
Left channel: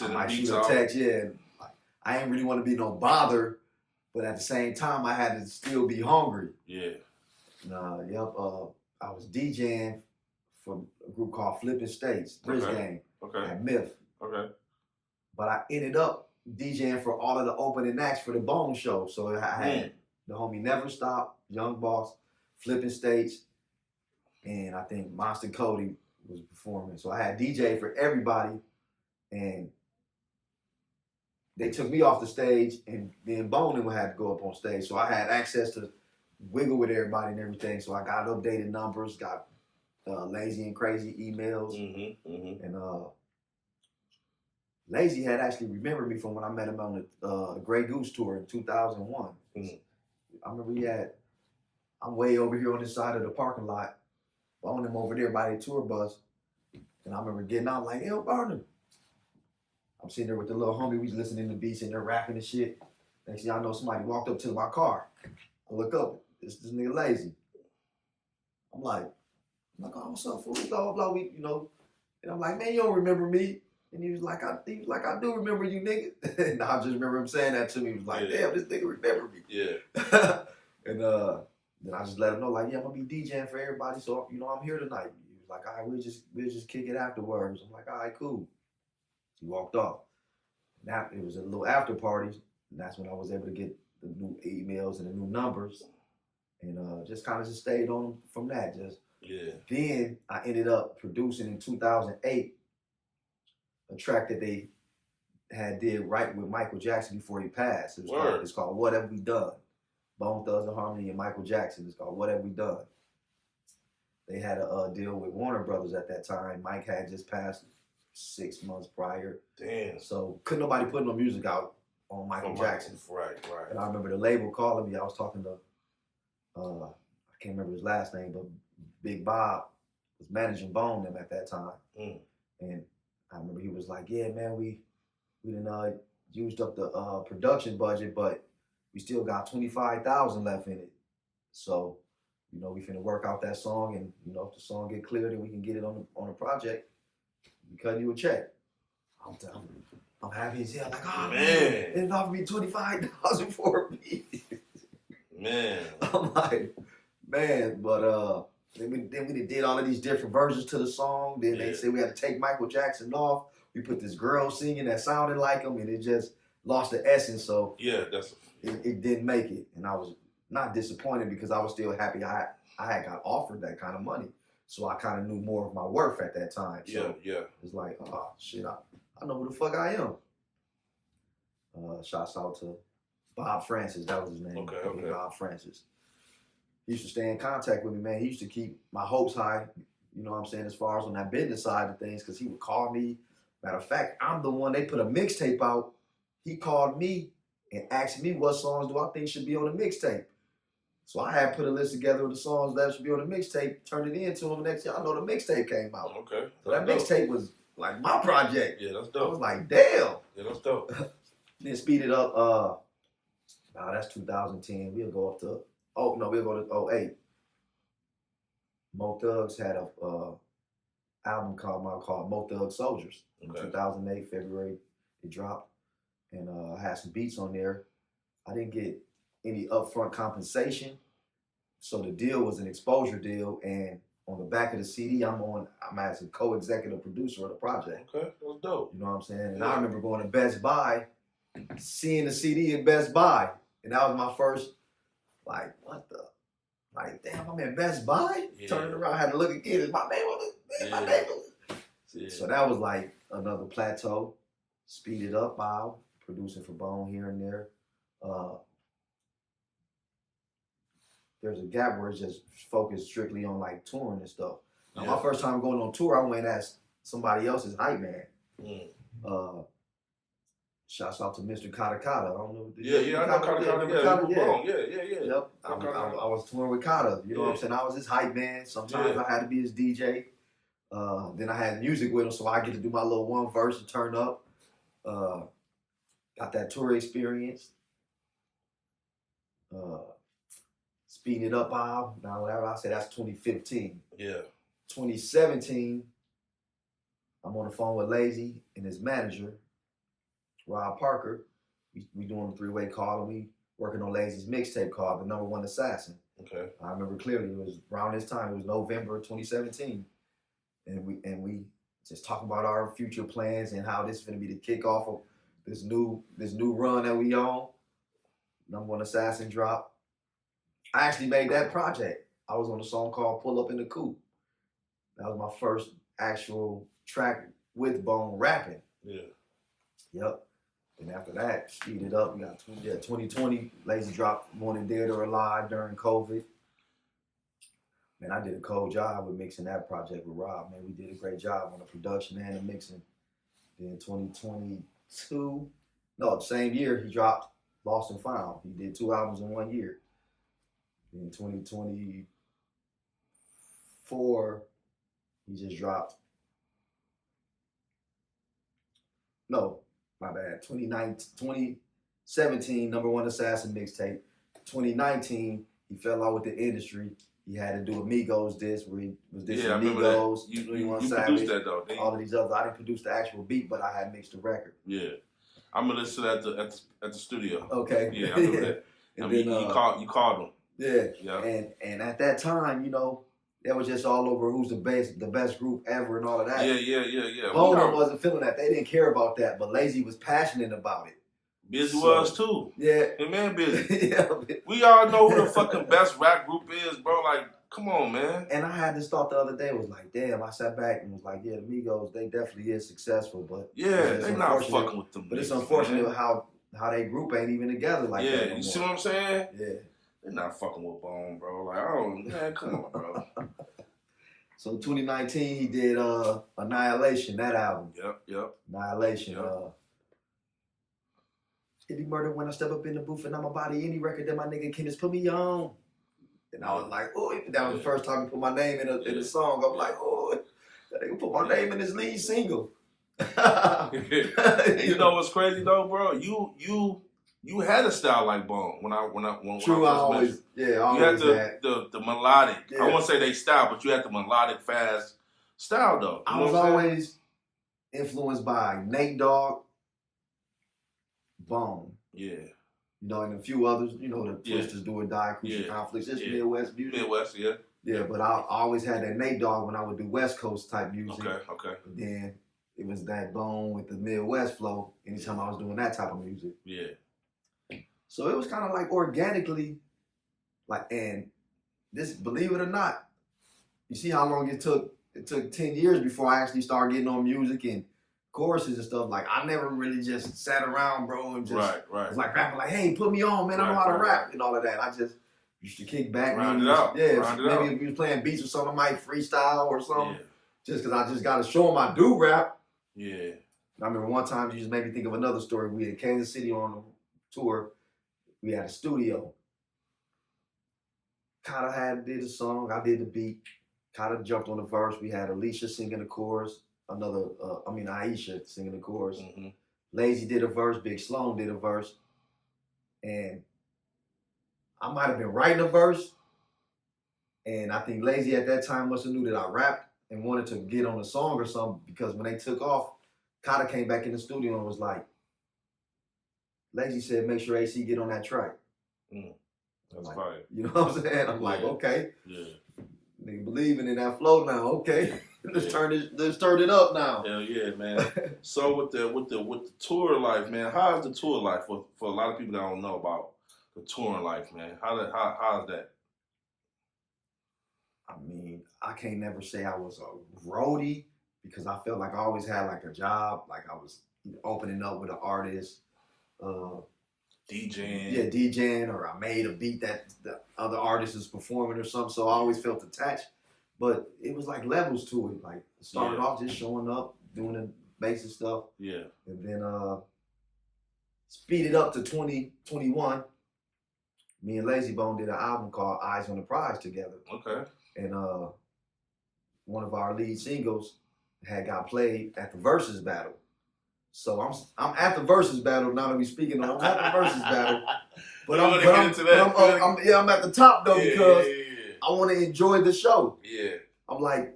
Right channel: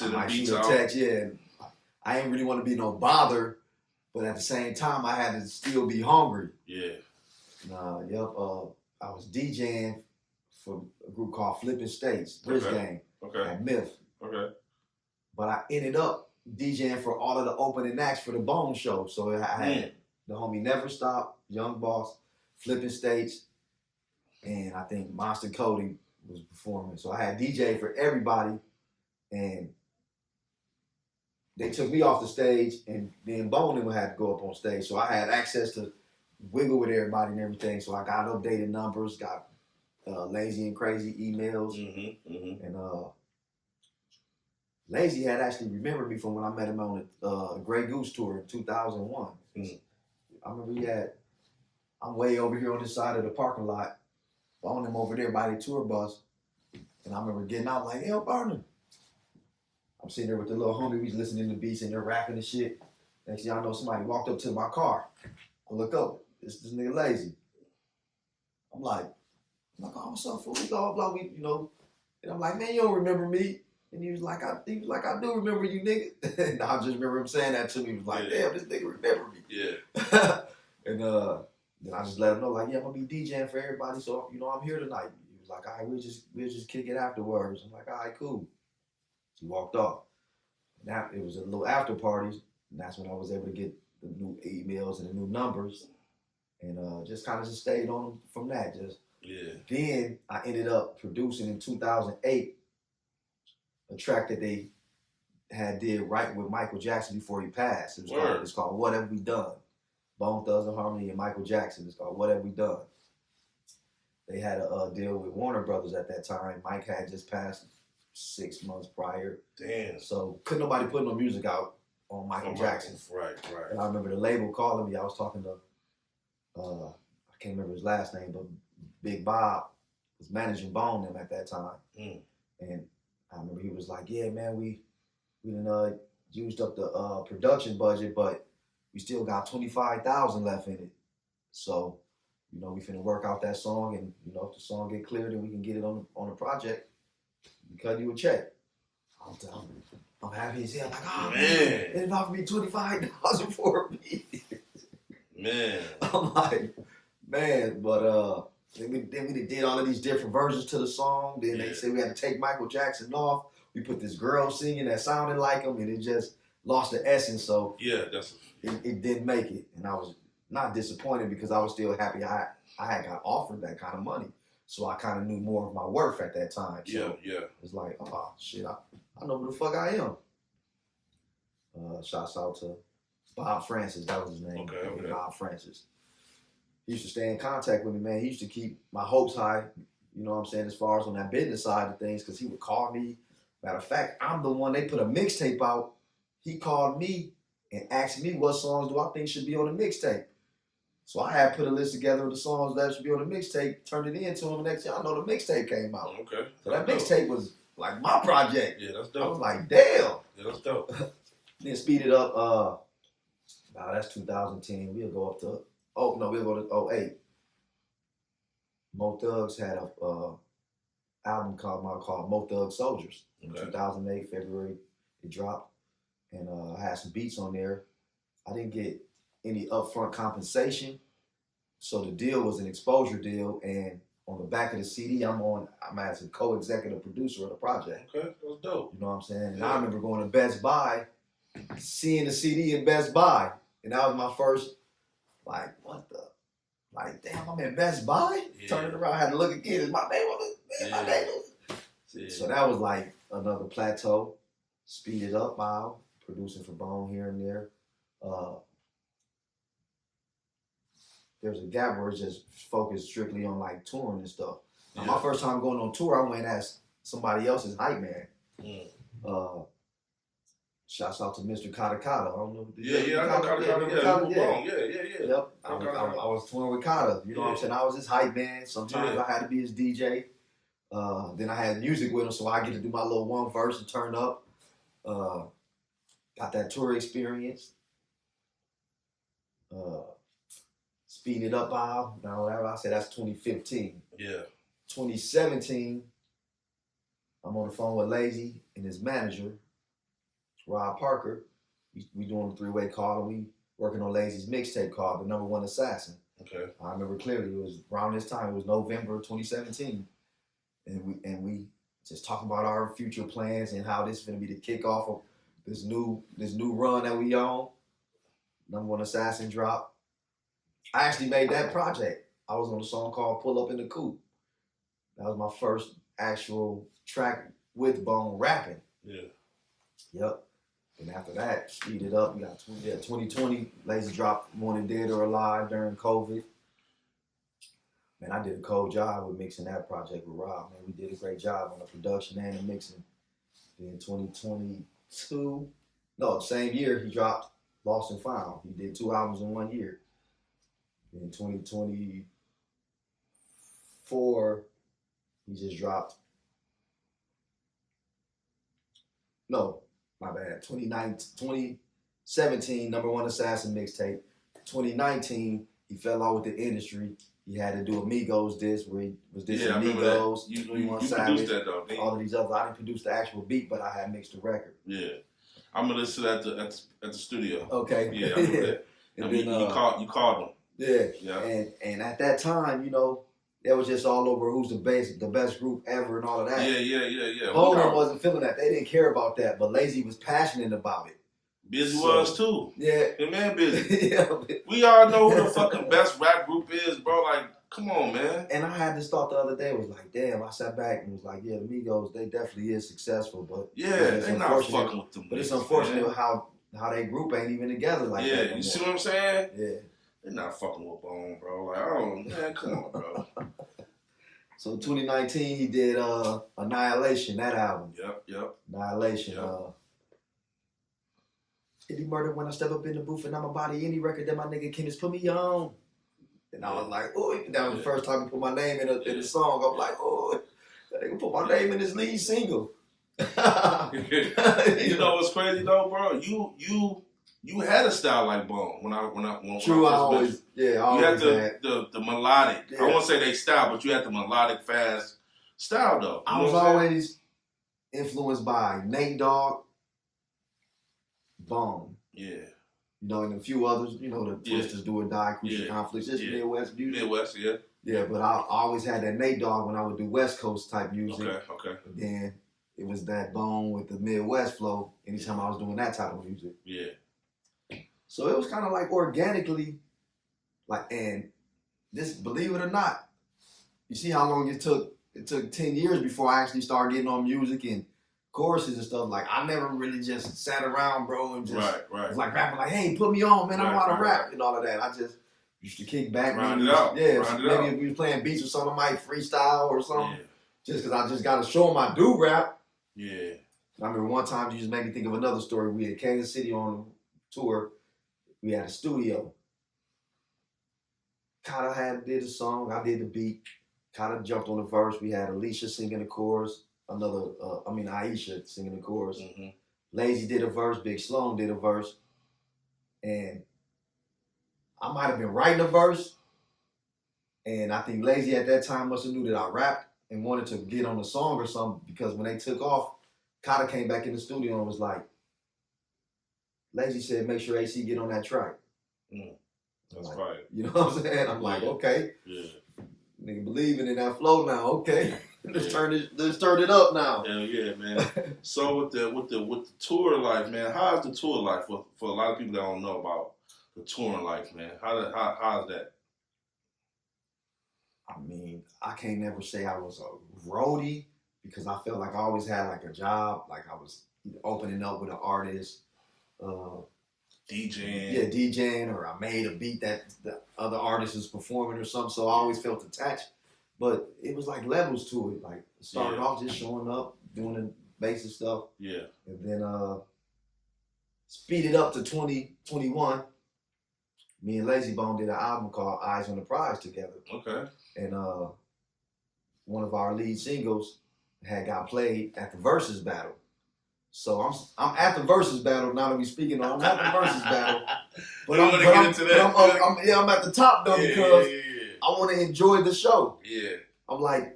I might shoot a text. Yeah, I ain't really want to be no bother, but at the same time, I had to still be hungry. Yeah. I was DJing for a group called Flipping States, Bridge Gang at Myth. Okay. But I ended up DJing for all of the opening acts for the Bone Show. So I had the homie Never Stop, Young Boss, Flipping States, and I think Monster Cody was performing. So I had DJ for everybody, and they took me off the stage, and then Bone had to go up on stage. So I had access to wiggle with everybody and everything. So I got updated numbers, got Lazy and Crazy emails, and Lazy had actually remembered me from when I met him on the Grey Goose tour in 2001. I remember I'm way over here on this side of the parking lot, following him over there by the tour bus, and I remember getting out like, "Yo, Barnum." I'm sitting there with the little homie, we was listening to beats and they're rapping and shit. Next thing I know, somebody walked up to my car. I look up, it's this nigga Lazy. I'm like, oh, what's up, fool? Blah, blah, blah. And I'm like, man, you don't remember me. And he was like, I do remember you, nigga. And I just remember him saying that to me. He was like, damn, this nigga remember me. Yeah. And then I just let him know, like, yeah, I'm gonna be DJing for everybody, so I'm here tonight. He was like, all right, we'll just kick it afterwards. I'm like, all right, cool. He walked off. Now it was a little after parties, and that's when I was able to get the new emails and the new numbers, and just kind of just stayed on them from that. Then I ended up producing in 2008 a track that they had did right with Michael Jackson before he passed. It's called What Have We Done? Bone Thugs and Harmony and Michael Jackson. It's called What Have We Done? They had a deal with Warner Brothers at that time. Mike had just passed 6 months prior. Damn. So couldn't nobody put no music out on Michael Jackson. Right. And I remember the label calling me. I was talking to, I can't remember his last name, but Big Bob was managing Bone them at that time. And I remember he was like, yeah, man, we done used up the production budget, but we still got $25,000 left in it. So, we finna work out that song, and if the song get cleared and we can get it on the project, we cut you a check. I'm happy as hell. Like, oh man, it offered me $25,000 for a beat. Man. I'm like, man, but then we did all of these different versions to the song. Then they said we had to take Michael Jackson off. We put this girl singing that sounded like him, and it just lost the essence. So it didn't make it, and I was not disappointed because I was still happy I had got offered that kind of money. So I kind of knew more of my worth at that time. So it's like, oh shit, I know who the fuck I am. Shouts out to Bob Francis, that was his name. Okay. Bob Francis. He used to stay in contact with me, man. He used to keep my hopes high, you know what I'm saying, as far as on that business side of things, because he would call me. Matter of fact, I'm the one, they put a mixtape out. he called me and asked me what songs do I think should be on the mixtape. So I had put a list together of the songs that should be on the mixtape, turned it in to him, and next thing I know the mixtape came out. Okay. So that mixtape was like my project. Yeah, that's dope. I was like, damn. Yeah, that's dope. Then speed it up, that's 2010. We'll go up to, we'll go to 08. Mo Thugs had a album called Mo Thug Soldiers in 2008, February. It dropped. And I had some beats on there. I didn't get any upfront compensation. So the deal was an exposure deal. And on the back of the CD, I'm as a co-executive producer of the project. Okay, that was dope. You know what I'm saying? And I remember going to Best Buy, seeing the CD in Best Buy. And that was my first, like, what the? Like, damn, I'm in Best Buy? Yeah. Turning around, I had to look again. Is my name on it? My name on it? Yeah. So that was like another plateau. Speeded up, Bob, producing for Bone here and there. There's a gap where it's just focused strictly on like touring and stuff. Now, my first time going on tour, I went as somebody else's hype man. Shouts out to Mr. Kata Kata. I don't know. I know Kata. Yeah. Yep. I was touring with Kata. You know what I'm saying? I was his hype man. Sometimes I had to be his DJ. Then I had music with him, so I get to do my little one verse and turn up. Got that tour experience. Speeding it up, Bob. Now, whatever I say, that's 2015. Yeah. 2017, I'm on the phone with Lazy and his manager, Rob Parker. We doing a three-way call, and we working on Lazy's mixtape called The Number One Assassin. Okay. I remember clearly, it was around this time. It was November 2017, and we just talking about our future plans and how this is going to be the kickoff of this new run that we on. Number One Assassin drop. I actually made that project. I was on a song called Pull Up in the Coupe. That was my first actual track with Bone rapping. Yeah. Yep. And after that, speed it up. We got 2020. Lazy dropped Wanted Dead or Alive during COVID. Man, I did a cold job with mixing that project with Rob. Man, we did a great job on the production and the mixing. Then 2022, same year, he dropped Lost and Found. He did 2 albums in 1 year. In 2024, he just dropped. No, my bad. 2017, Number One Assassin mixtape. 2019, he fell out with the industry. He had to do a Migos disc where he was dissing Migos, you Savage, that though, all of these others. I didn't produce the actual beat, but I had mixed the record. Yeah, I'm gonna listen at the studio. Okay. Yeah, I know that. And then you called him. Yeah. And at that time, that was just all over who's the best group ever and all of that. Yeah. Bowman wasn't feeling that. They didn't care about that, but Lazy was passionate about it. Busy was too. Yeah. The man Busy. We all know who the fucking best rap group is, bro. Like, come on, man. And I had this thought the other day. It was like, damn, I sat back and was like, yeah, the Migos, they definitely is successful, but it's not fucking with them. But it's unfortunate how they group ain't even together like that. Yeah, you see what I'm saying? Yeah. They're not fucking with Bone, bro. Like, man, come on, bro. So 2019, he did Annihilation, that album. Yep. Annihilation. Eddie Murder when I step up in the booth and I'm a body any record that my nigga Chemist put me on. And I was like, oh, that was the first time he put my name in a song. I'm like, oh, that nigga put my name in his lead single. You know what's crazy though, bro? You had a style like Bone when True, I always you had the melodic. Yeah. I won't say they style, but you had the melodic, fast style though. I was always influenced by Nate Dogg, Bone. Yeah. And a few others, the Twisters, Do or Die, Crucial Conflicts, just Midwest music. Midwest, yeah. Yeah, but I always had that Nate Dogg when I would do West Coast type music. Okay. But then it was that Bone with the Midwest flow anytime I was doing that type of music. Yeah. So it was kind of like organically, and this, believe it or not, you see how long it took? It took 10 years before I actually started getting on music and choruses and stuff. Like, I never really just sat around, bro, and just was like rapping, like, hey, put me on, man, I know how to rap and all of that. I just used to kick back. Maybe if we was playing beats or something, I might freestyle or something. Yeah. Just because I just got to show them I do rap. Yeah. I remember one time you just made me think of another story. We had Kansas City on tour. We had a studio. Did a song. I did the beat. Jumped on the verse. We had Alicia singing the chorus. Aisha singing the chorus. Mm-hmm. Lazy did a verse. Big Sloan did a verse. And I might have been writing a verse. And I think Lazy at that time must have knew that I rapped and wanted to get on the song or something, because when they took off, Kata came back in the studio and was like, Lazy said, make sure AC get on that track. That's like, right. You know what I'm saying? I'm like, okay. Yeah. Nigga believing in that flow now. Okay. Let's turn it up now. Hell yeah, man. So with the tour life, man, how's the tour life for a lot of people that don't know about the touring life, man? How's that? I mean, I can't never say I was a roadie, because I felt like I always had like a job, like I was opening up with an artist, DJing. Yeah, DJing, or I made a beat that the other artist is performing or something. So I always felt attached. But it was like levels to it. Like it started off just showing up, doing the basic stuff. Yeah. And then speed it up to 2021. Me and Lazy Bone did an album called Eyes on the Prize together. Okay. And one of our lead singles got played at the Versus Battle. So I'm at the Versus Battle now that we speaking on. I'm at the Versus Battle, but I'm at the top though, because I want to enjoy the show. Yeah. I'm like,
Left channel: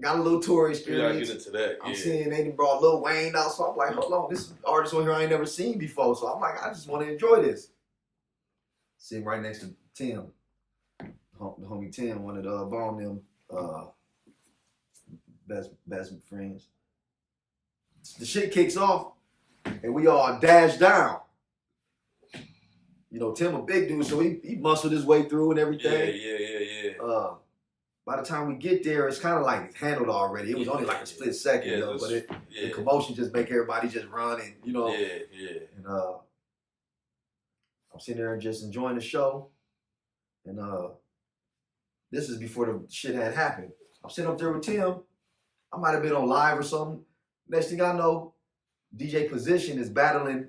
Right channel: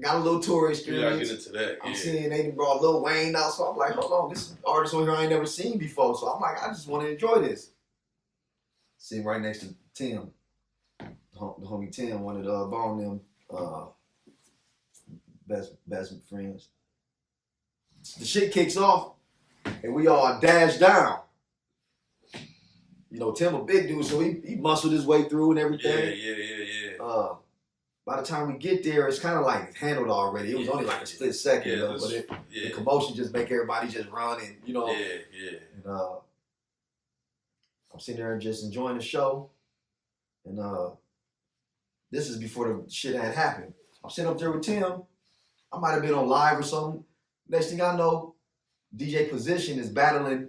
got a little tour experience. Get into that. I'm seeing they brought Lil Wayne out, so I'm like, hold on, this artist on here I ain't never seen before. So I'm like, I just want to enjoy this. Sitting right next to Tim, the homie Tim, one of the Bone them best friends. The shit kicks off, and we all dash down. You know, Tim a big dude, so he muscled his way through and everything. Yeah. By the time we get there, it's kind of like handled already. It was only like a split second, though, but the commotion just make everybody just run and, you know. Yeah. And I'm sitting there just enjoying the show, and this is before the shit had happened. I'm sitting up there with Tim. I might have been on live or something. Next thing I know, DJ Position is battling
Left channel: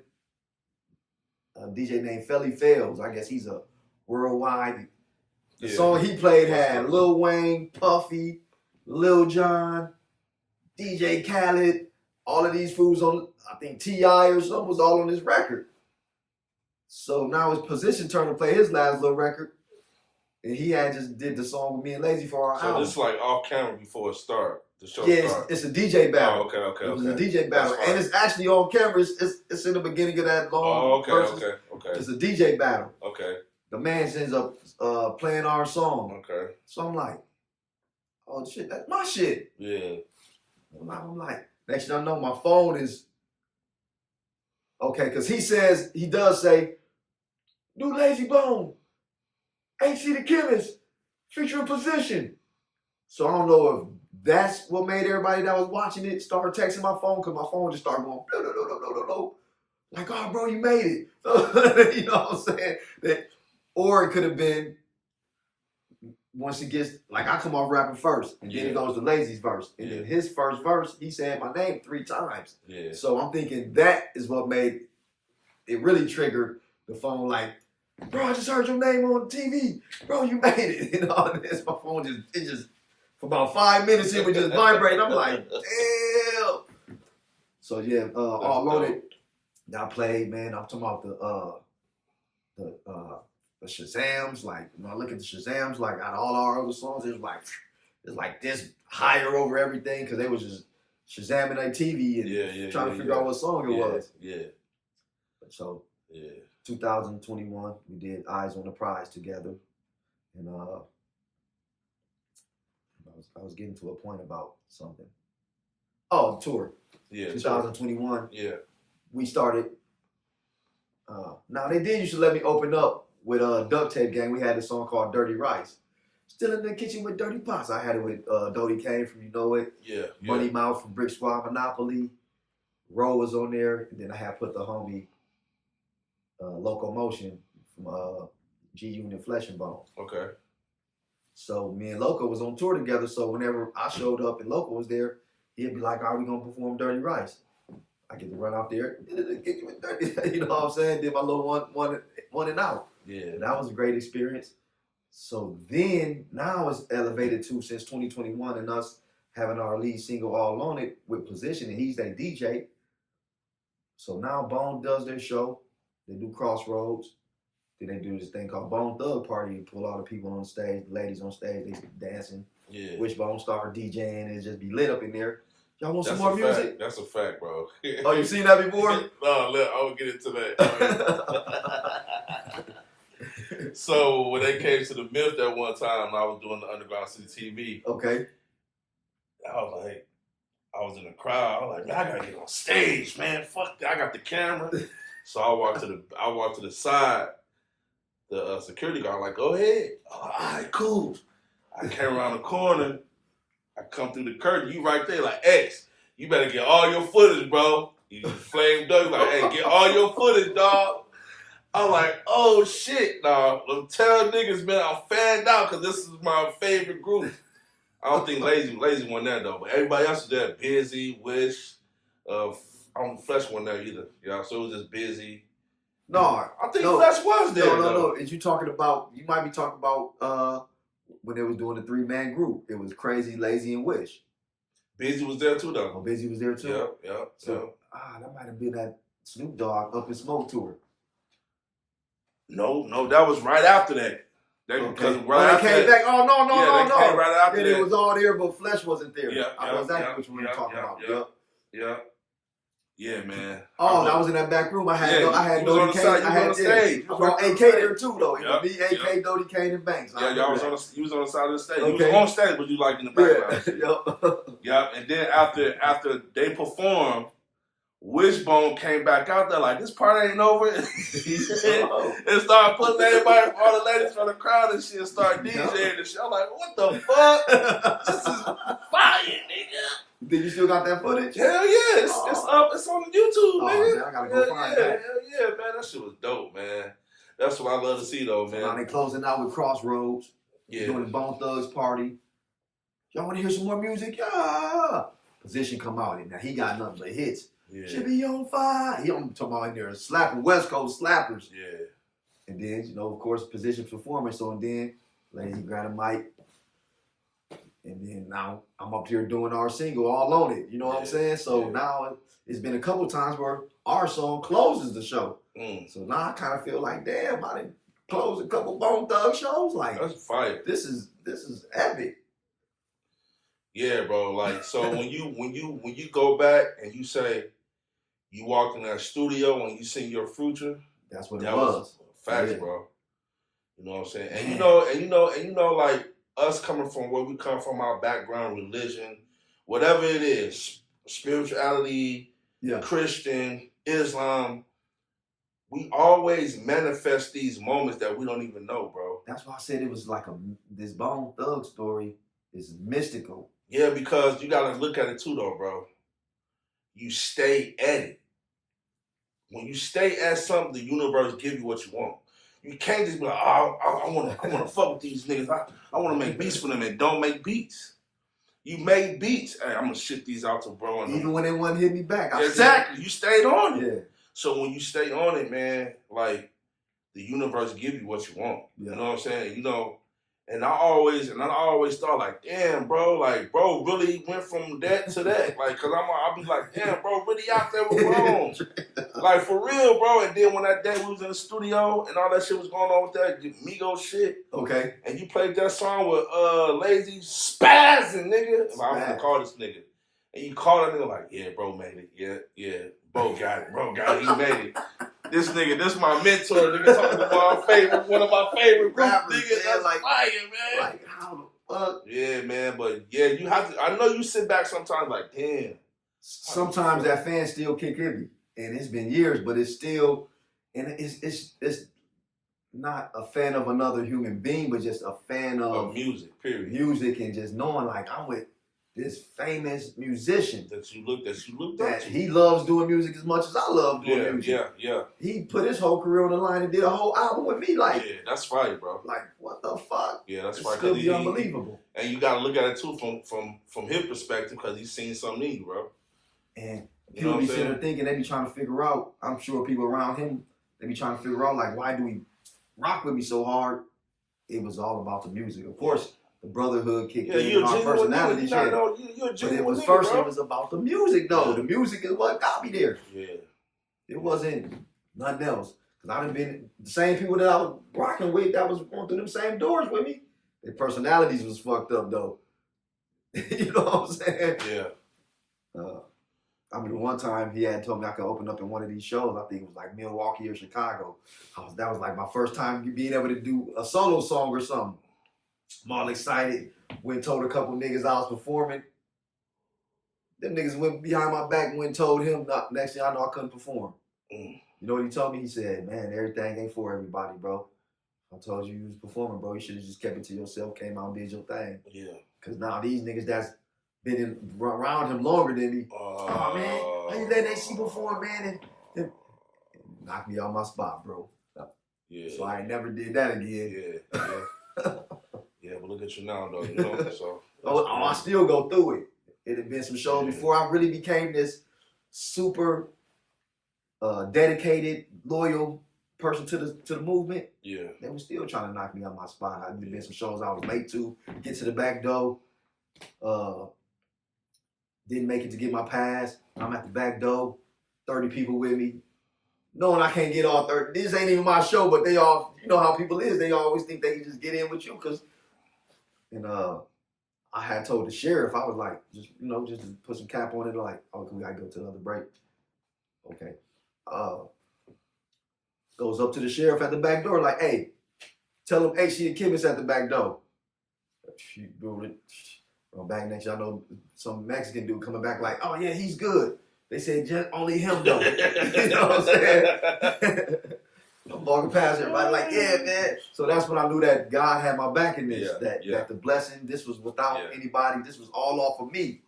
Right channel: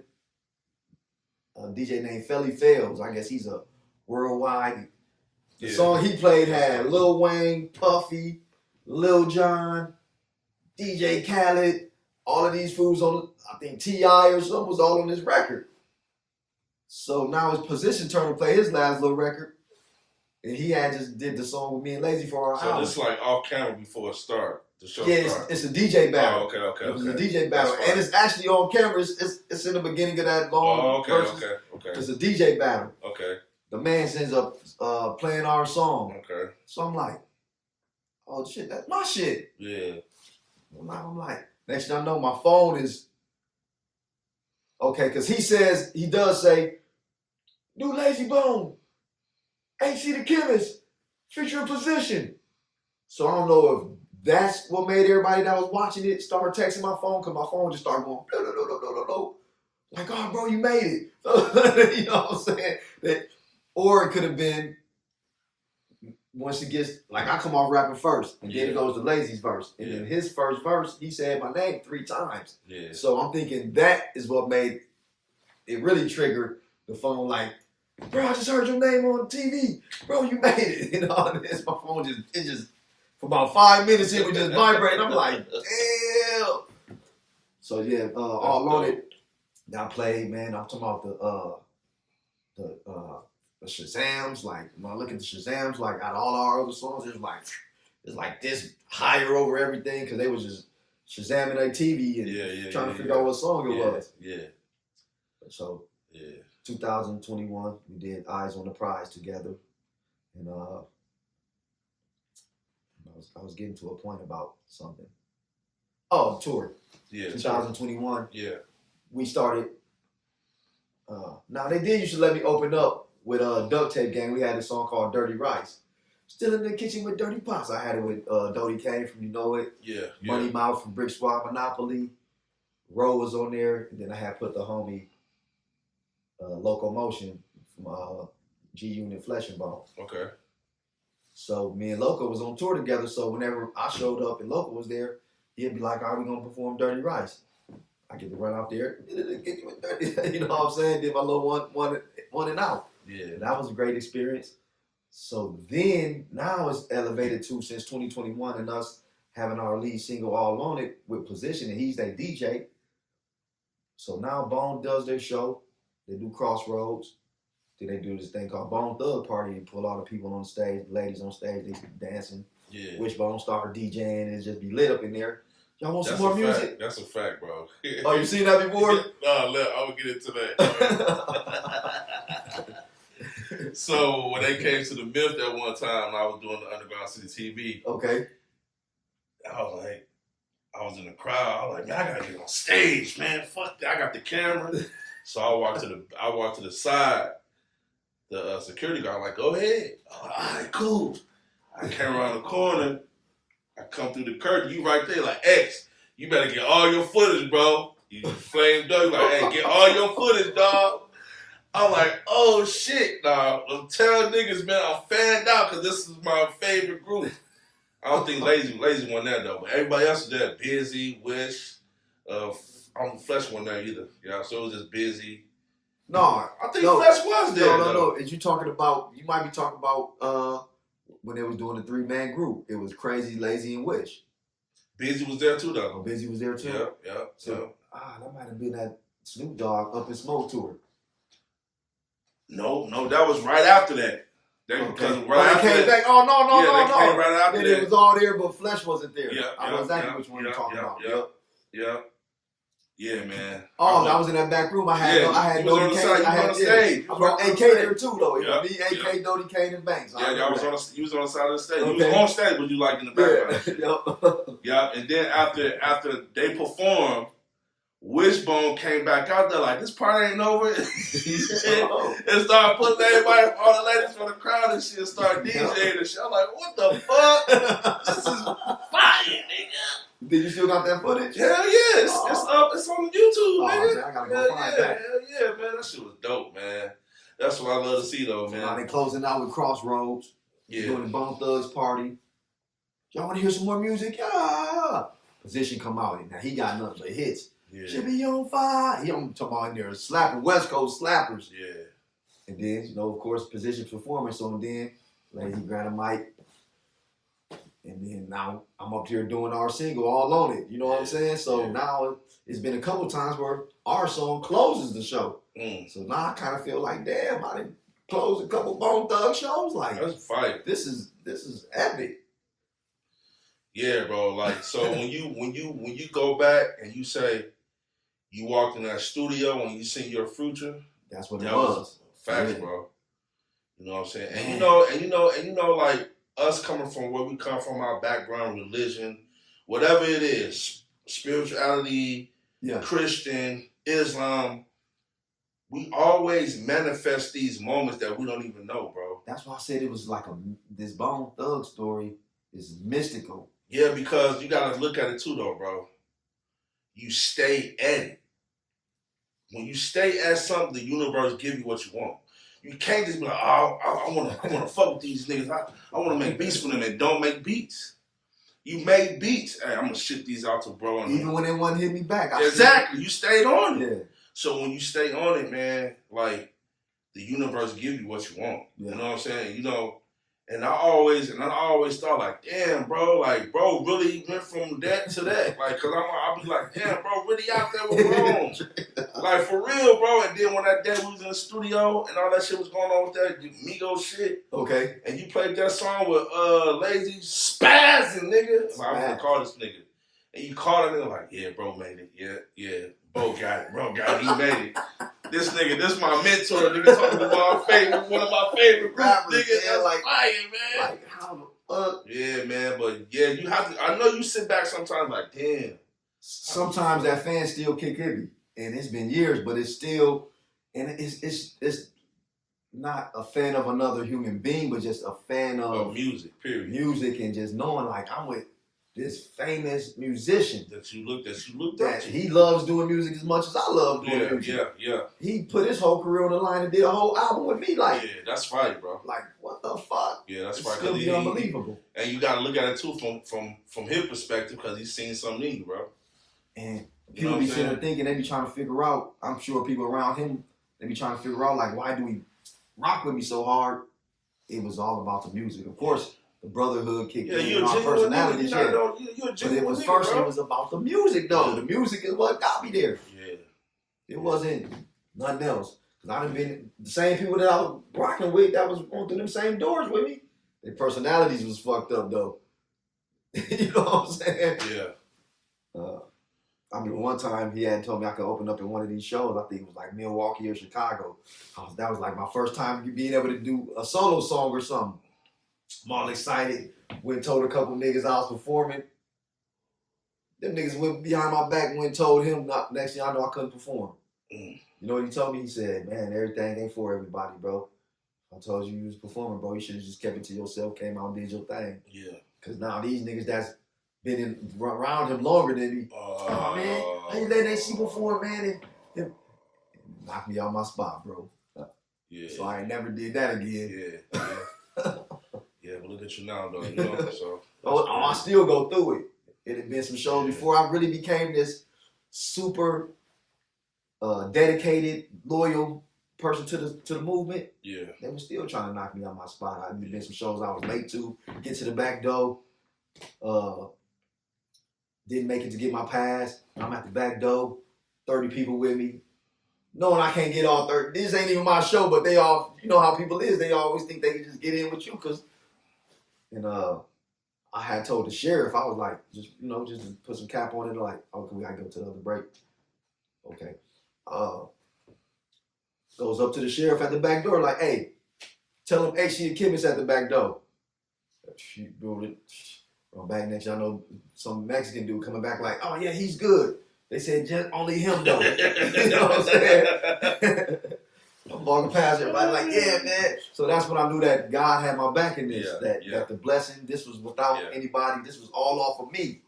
a DJ named Felly Fells. I guess he's a worldwide. The song he played had Lil Wayne, Puffy, Lil Jon, DJ Khaled, all of these fools on, I think T.I. or something was all on this record. So now it's Position turn to play his last little record. And he had just did the song with me and Lazy for our album. So it's like off camera before it starts. It's a DJ battle. Oh, okay. It was a DJ battle. And it's actually on camera. It's in the beginning of that long verses. Okay. It's a DJ battle. Okay. The man ends up playing our song. Okay. So I'm like, oh shit, that's my shit. Yeah. I'm like, next thing I know, my phone is okay, because he does say, new Lazy Bone, HC The Chemist, featuring Position. So I don't know if that's what made everybody that was watching it start texting my phone, because my phone just started going, no. Like, oh, bro, you made it. So, you know what I'm saying? Or it could have been, once it gets, like, I come off rapping first, and then it goes to Lazy's verse. And then his first verse, he said my name 3 times. Yeah. So I'm thinking that is what made it really triggered the phone, like, bro, I just heard your name on TV. Bro, you made it. You know, this, my phone just, for about 5 minutes, it would just vibrate. I'm like, damn. So yeah, all on it. I played, man. I'm talking about the Shazams. Like, when I look at the Shazams, like out of all our other songs, it's like this higher over everything, because they was just Shazamming their TV and trying to figure out what song it was. Yeah. So 2021, we did Eyes on the Prize together, and I was getting to a point about something. Oh, tour. Yeah. 2021. Yeah. We started. Now they did used to let me open up with Duct Tape Gang. We had a song called Dirty Rice. Still in the kitchen with Dirty Pots. I had it with Dodie Kane from You Know It. Yeah. Money Mouth from Brick Squad Monopoly. Ro was on there, and then I had put the homie Locomotion from G Unit Flesh and Bone. Okay. So me and Loco was on tour together. So whenever I showed up and Loco was there, he'd be like, "Are we gonna perform Dirty Rice?" I get to run out there, get you with 30. You know what I'm saying? Did my little one and out. Yeah. And that was a great experience. So then, now it's elevated to, since 2021 and us having our lead single All On It with Position, and he's their DJ. So now Bone does their show. They do Crossroads. Then they do this thing called Bone Thug Party and pull all the people on stage, the ladies on stage, they dancing. Yeah. Wishbone start DJing and just be lit up in there. Y'all want some more music? That's a fact, bro. Oh, you seen that before? No, look, I'll get into that. So when they came to the Myth that one time, I was doing the Underground City TV. Okay. I was like, I was in the crowd. I was like, man, I gotta get on stage, man. Fuck that. I got the camera. So I walked to the side. The security guard like, go ahead. All right, cool. I came around the corner. I come through the curtain. You right there, like, X, you better get all your footage, bro. You flamed up. Like, hey, get all your footage, dog. I'm like, oh, shit, dog. Well, tell niggas, man, I'm fanned out because this is my favorite group. I don't think Lazy won that, though. But everybody else was there. Busy, Wish. I don't Flesh won that either. Yeah, so it was just Busy. No, I think Flesh was there. No. Is you talking about, you might be talking about when they was doing the 3-man group. It was Crazy, Lazy, and Wish. Busy was there too, though. Oh, Busy was there too? Yeah. So, that might have been that Snoop Dogg Up in Smoke tour. No, that was right after that. Okay. When they came back, no. Right after then that. it was all there, but Flesh wasn't there. Yeah, I know exactly which one you're talking about. Yeah, man. Oh, I was in that back room. I had Dodie Kane. I brought AK there too, though. It was me, AK, Dodie Kane, and Banks. Yeah, you was on the side of the stage. Okay. You was on stage, but you like in the background. Yeah. And then after they performed, Wishbone came back out there like, this part ain't over. And started putting everybody, all the ladies from the crowd and shit, and started DJing and shit. I'm like, what the fuck? This is fire, nigga. Did you still got that footage? Hell yeah. It's up. It's on YouTube, nigga. Man, I gotta go find that. Hell yeah, man. That shit was dope, man. That's what I love to see, though, man. Now they closing out with Crossroads. Yeah. Doing the Bone Thugs party. Y'all want to hear some more music? Yeah. Position come out, and now he got nothing but hits. Yeah. Should be on fire. He on talking about in there slapping West Coast slappers. Yeah. And then, of course, Position performance. So and then Lazy grabbed a mic. And then now I'm up here doing our single, All On It. You know what I'm saying? So now it's been a couple times where our song closes the show. So now I kind of feel like, damn, I didn't close a couple Bone Thug shows. Like, that's fire. This is epic. Yeah, bro. Like, so when you go back and you say you walked in that studio and you see your future, that's what it was. Facts, bro. You know what I'm saying? And you know, like us coming from where we come from, our background, religion, whatever it is, spirituality, Christian, Islam, we always manifest these moments that we don't even know, bro. That's why I said it was like this Bone Thug story is mystical. Yeah, because you gotta look at it too, though, bro. You stay at it. When you stay at something, the universe give you what you want. You can't just be like, oh, I wanna fuck with these niggas. I wanna make beats for them and don't make beats. You made beats. Hey, I'm gonna ship these out to bro. Even when they wouldn't hit me back. Exactly. You stayed on it. Yeah. So when you stay on it, man, like the universe give you what you want. Yeah. You know what I'm saying? You know, and I always thought like, damn, bro, like bro really went from that to that. Like, cause I'll be like, damn, bro, really out there with wrong. Like for real, bro. And then when that day we was in the studio and all that shit was going on with that Migos shit. Okay. And you played that song with Lazy spazzing, nigga. Like, I'm gonna call this nigga. And you call that nigga like, yeah, bro made it. Yeah. Bro got it. He made it. This nigga, this my mentor. Nigga talking about one of my favorite rappers. Nigga, that's like fire, man. Like how the fuck? Yeah, man. But yeah, you have to. I know you sit back sometimes like, damn. Sometimes that fan still kick me, and it's been years, but it's still, and it's not a fan of another human being, but just a fan of music. Period. Music and just knowing like I'm with this famous musician that you looked at. He loves doing music as much as I love doing music. Yeah. He put his whole career on the line and did a whole album with me. Like, yeah, that's fire, bro. Like, what the fuck? Yeah, that's fire. It's still be unbelievable. And you gotta look at it too from his perspective because he's seen something in you, bro. And People be sitting there thinking, they be trying to figure out, I'm sure people around him, they be trying to figure out, like, why do he rock with me so hard? It was all about the music. Of course, the brotherhood kicked in and our personalities. But it was first, it was about the music, though. The music is what got me there. Yeah. It wasn't nothing else. Because I done been the same people that I was rocking with that was going through them same doors with me. Their personalities was fucked up, though. You know what I'm saying? Yeah. I mean, one time he had told me I could open up in one of these shows. I think it was like Milwaukee or Chicago. That was like my first time being able to do a solo song or something. I'm all excited. Went and told a couple niggas I was performing. Them niggas went behind my back and went and told him next thing I know I couldn't perform. You know what he told me? He said, man, everything ain't for everybody, bro. I told you was performing, bro. You should have just kept it to yourself, came out and did your thing. Yeah. Because now these niggas that's been around him longer than me. Oh, man, how you letting AC perform, man? And knock me out my spot, bro. Yeah. So I ain't never did that again. Yeah. Yeah, but look at you now, though. You know, so. I still go through it. It had been some shows before I really became this super dedicated, loyal person to the movement. Yeah. They were still trying to knock me out my spot. There been some shows I was late to get to the back door. Didn't make it to get my pass. I'm at the back door, 30 people with me. Knowing I can't get all 30. This ain't even my show, but they all, you know how people is. They always think they can just get in with you. And I had told the sheriff, I was like, just to put some cap on it, like, oh, we gotta go to the other break. Okay. Goes up to the sheriff at the back door, like, hey, tell him HC The Chemist at the back door. Back next, y'all know some Mexican dude coming back like, oh yeah, he's good. They said just only him though. You know what I'm saying? I'm walking past everybody like, yeah, man. So that's when I knew that God had my back in this. That the blessing, this was without anybody. This was all off of me.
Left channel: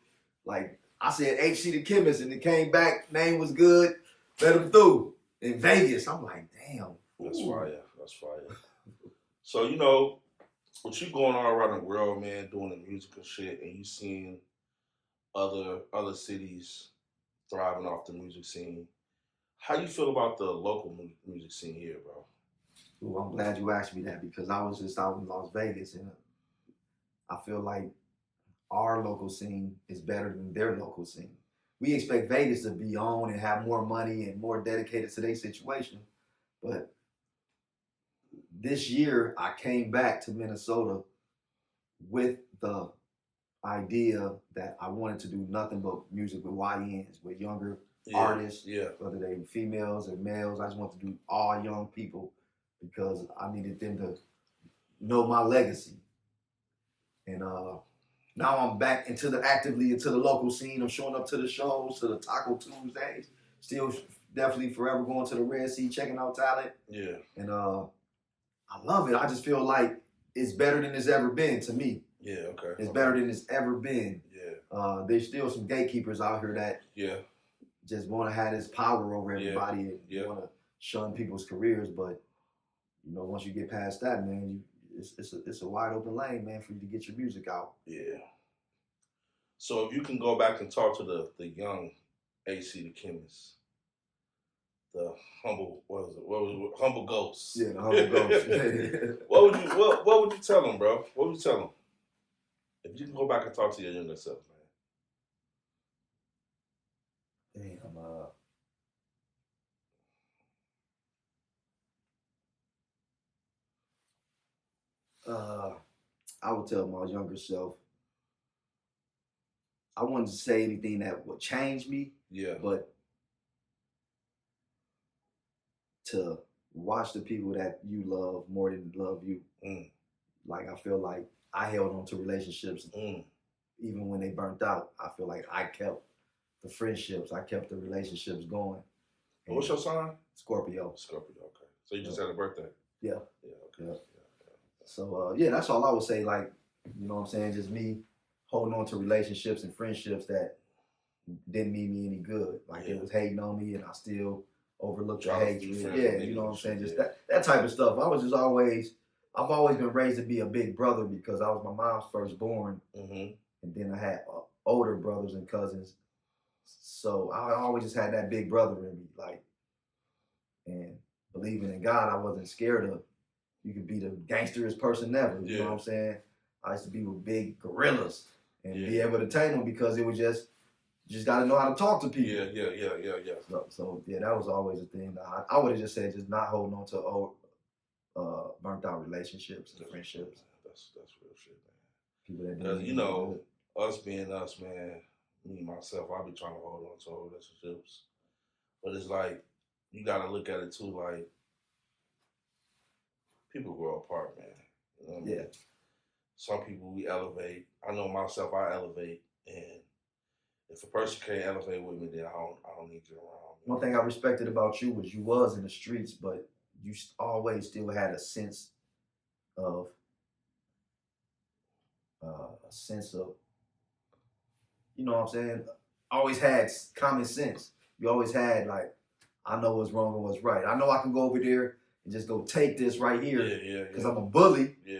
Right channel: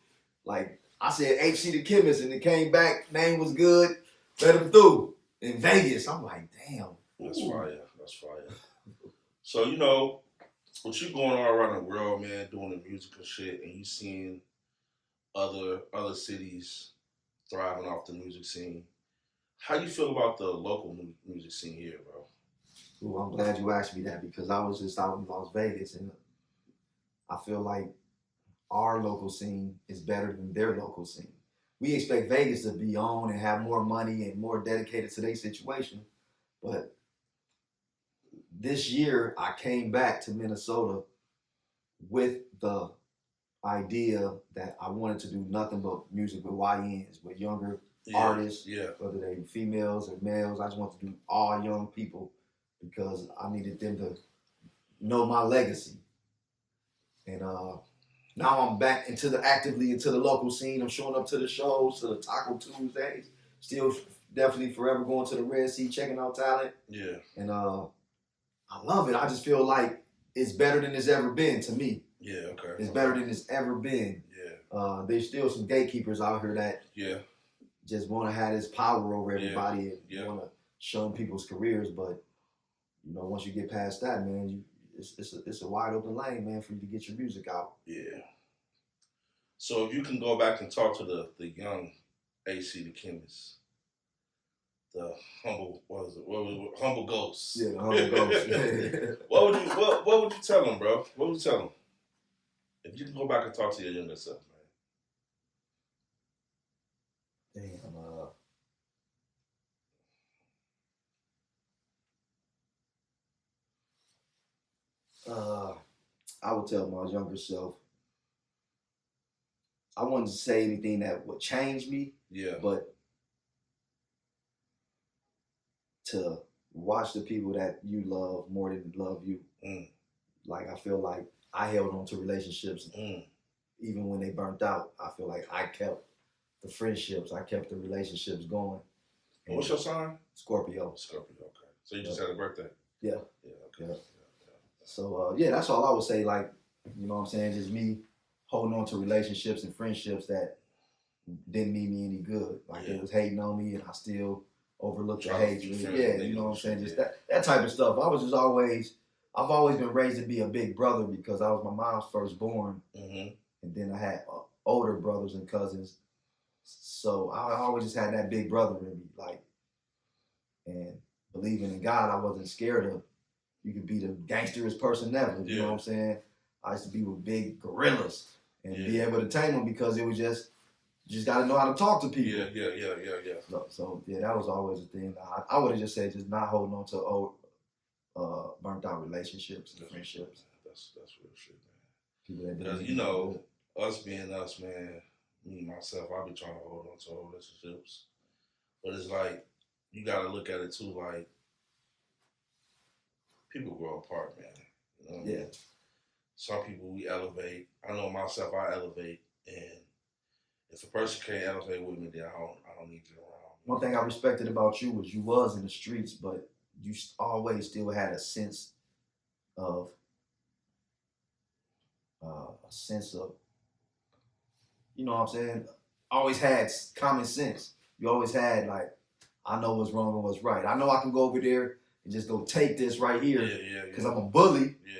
Like I said, HC The Chemist, and it came back. Name was good. Let him through in Vegas. I'm like, damn. That's fire. That's fire. So you know, with you going all around the world, man, doing the musical shit, and you seeing other cities thriving off the music scene, how you feel about the local music scene here, bro? Ooh, I'm glad you asked me that because I was just out in Las Vegas, and I feel like our local scene is better than their local scene. We expect Vegas to be on and have more money and more dedicated to their situation, but this year, I came back to Minnesota with the idea that I wanted to do nothing but music with YNs, with younger artists, whether they were females or males. I just wanted to do all young people because I needed them to know my legacy. And now I'm back actively into the local scene. I'm showing up to the shows, to the Taco Tuesdays. Still definitely forever going to the Red Sea, checking out talent. Yeah. And I love it. I just feel like it's better than it's ever been to me. Yeah, okay. It's better than it's ever been. Yeah. There's still some gatekeepers out here that just want to have this power over everybody and want to shun people's careers. But, you know, once you get past that, man, it's a wide open lane, man, for you to get your music out. Yeah. So if you can go back and talk to the young HC The Chemist, the humble, humble ghost. Yeah, the humble ghost. What would you tell him, bro? What would you tell him? If you can go back and talk to your younger self, man. Damn. I would tell my younger self, I wouldn't say anything that would change me. Yeah. But to watch the people that you love more than love you. Like, I feel like I held on to relationships even when they burnt out. I feel like I kept the friendships, I kept the relationships going. And what's your sign? Scorpio. Scorpio, okay. So you just had a birthday? Yeah. Yeah, okay. Yeah. So, that's all I would say. Like, you know what I'm saying? Just me holding on to relationships and friendships that didn't mean me any good. Like, they was hating on me and I still overlooked the hate. Yeah, you know what I'm saying? Just that type of stuff. I've always been raised to be a big brother because I was my mom's firstborn. And then I had older brothers and cousins. So I always just had that big brother in me, like, and believing in God, I wasn't scared of. You could be the gangsterest person ever. You know what I'm saying? I used to be with big gorillas and be able to tame them because it was just, you just got to know how to talk to people. Yeah. So that was always a thing. I would have just said just not holding on to old, burnt out relationships and friendships. That's real shit, man. People that didn't. You know, us being us, man. Me myself, I be trying to hold on to relationships, but it's like you gotta look at it too. Like people grow apart, man. You know what I mean? Some people we elevate. I know myself, I elevate, and if a person can't elevate with me, then I don't need you around. One thing I respected about you was you was in the streets, but you always still had a sense of you know what I'm saying? Always had common sense. You always had like, I know what's wrong and what's right. I know I can go over there and just go take this right here because I'm a bully. Yeah.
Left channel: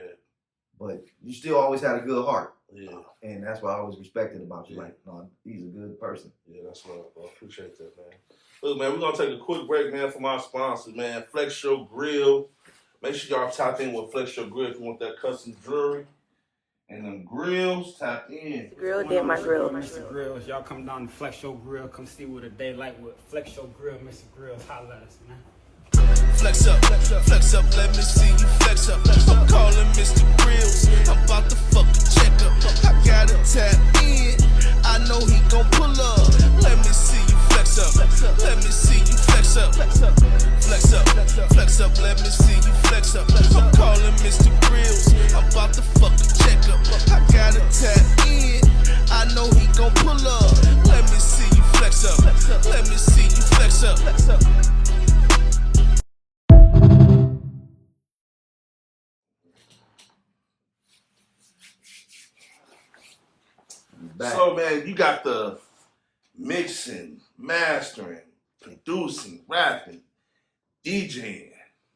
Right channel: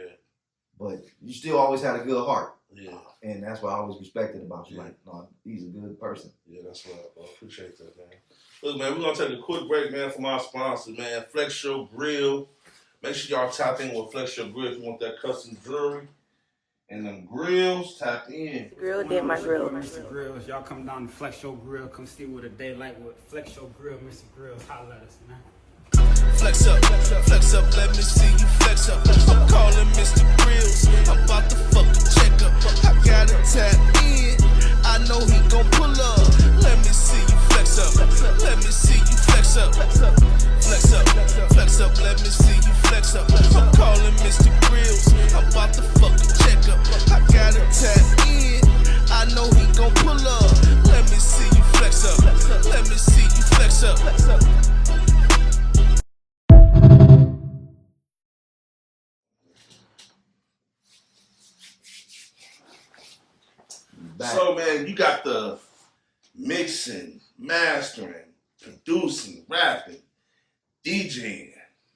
But you still always had a good heart. Yeah. And that's what I always respected about you. Like, no, he's a good person. Yeah, that's love, bro. Appreciate that, man. Look, man, we're going to take a quick break, man, from our sponsors, man. Flex Your Grill. Make sure y'all tap in with Flex Your Grill if you want that custom jewelry. And them grills, tap in. Grill did my grill. Mr. Grills, y'all come down to Flex Your Grill. Come see what a day like with Flex Your Grill, Mr. Grills. Holla at us, man. Flex up, let me see you flex up. I'm calling Mr. Grills, I'm about to fucking check up. I gotta tap in, I know he gon' pull up. Let me see you flex up, let me see you flex up. Flex up, let me see you flex up. I'm calling Mr. Grills, I'm about to fucking check up. I gotta tap in, I know he gon' pull up. Let me see you flex up, let me see you flex up. So, man, you got the mixing, mastering, producing, rapping, DJing.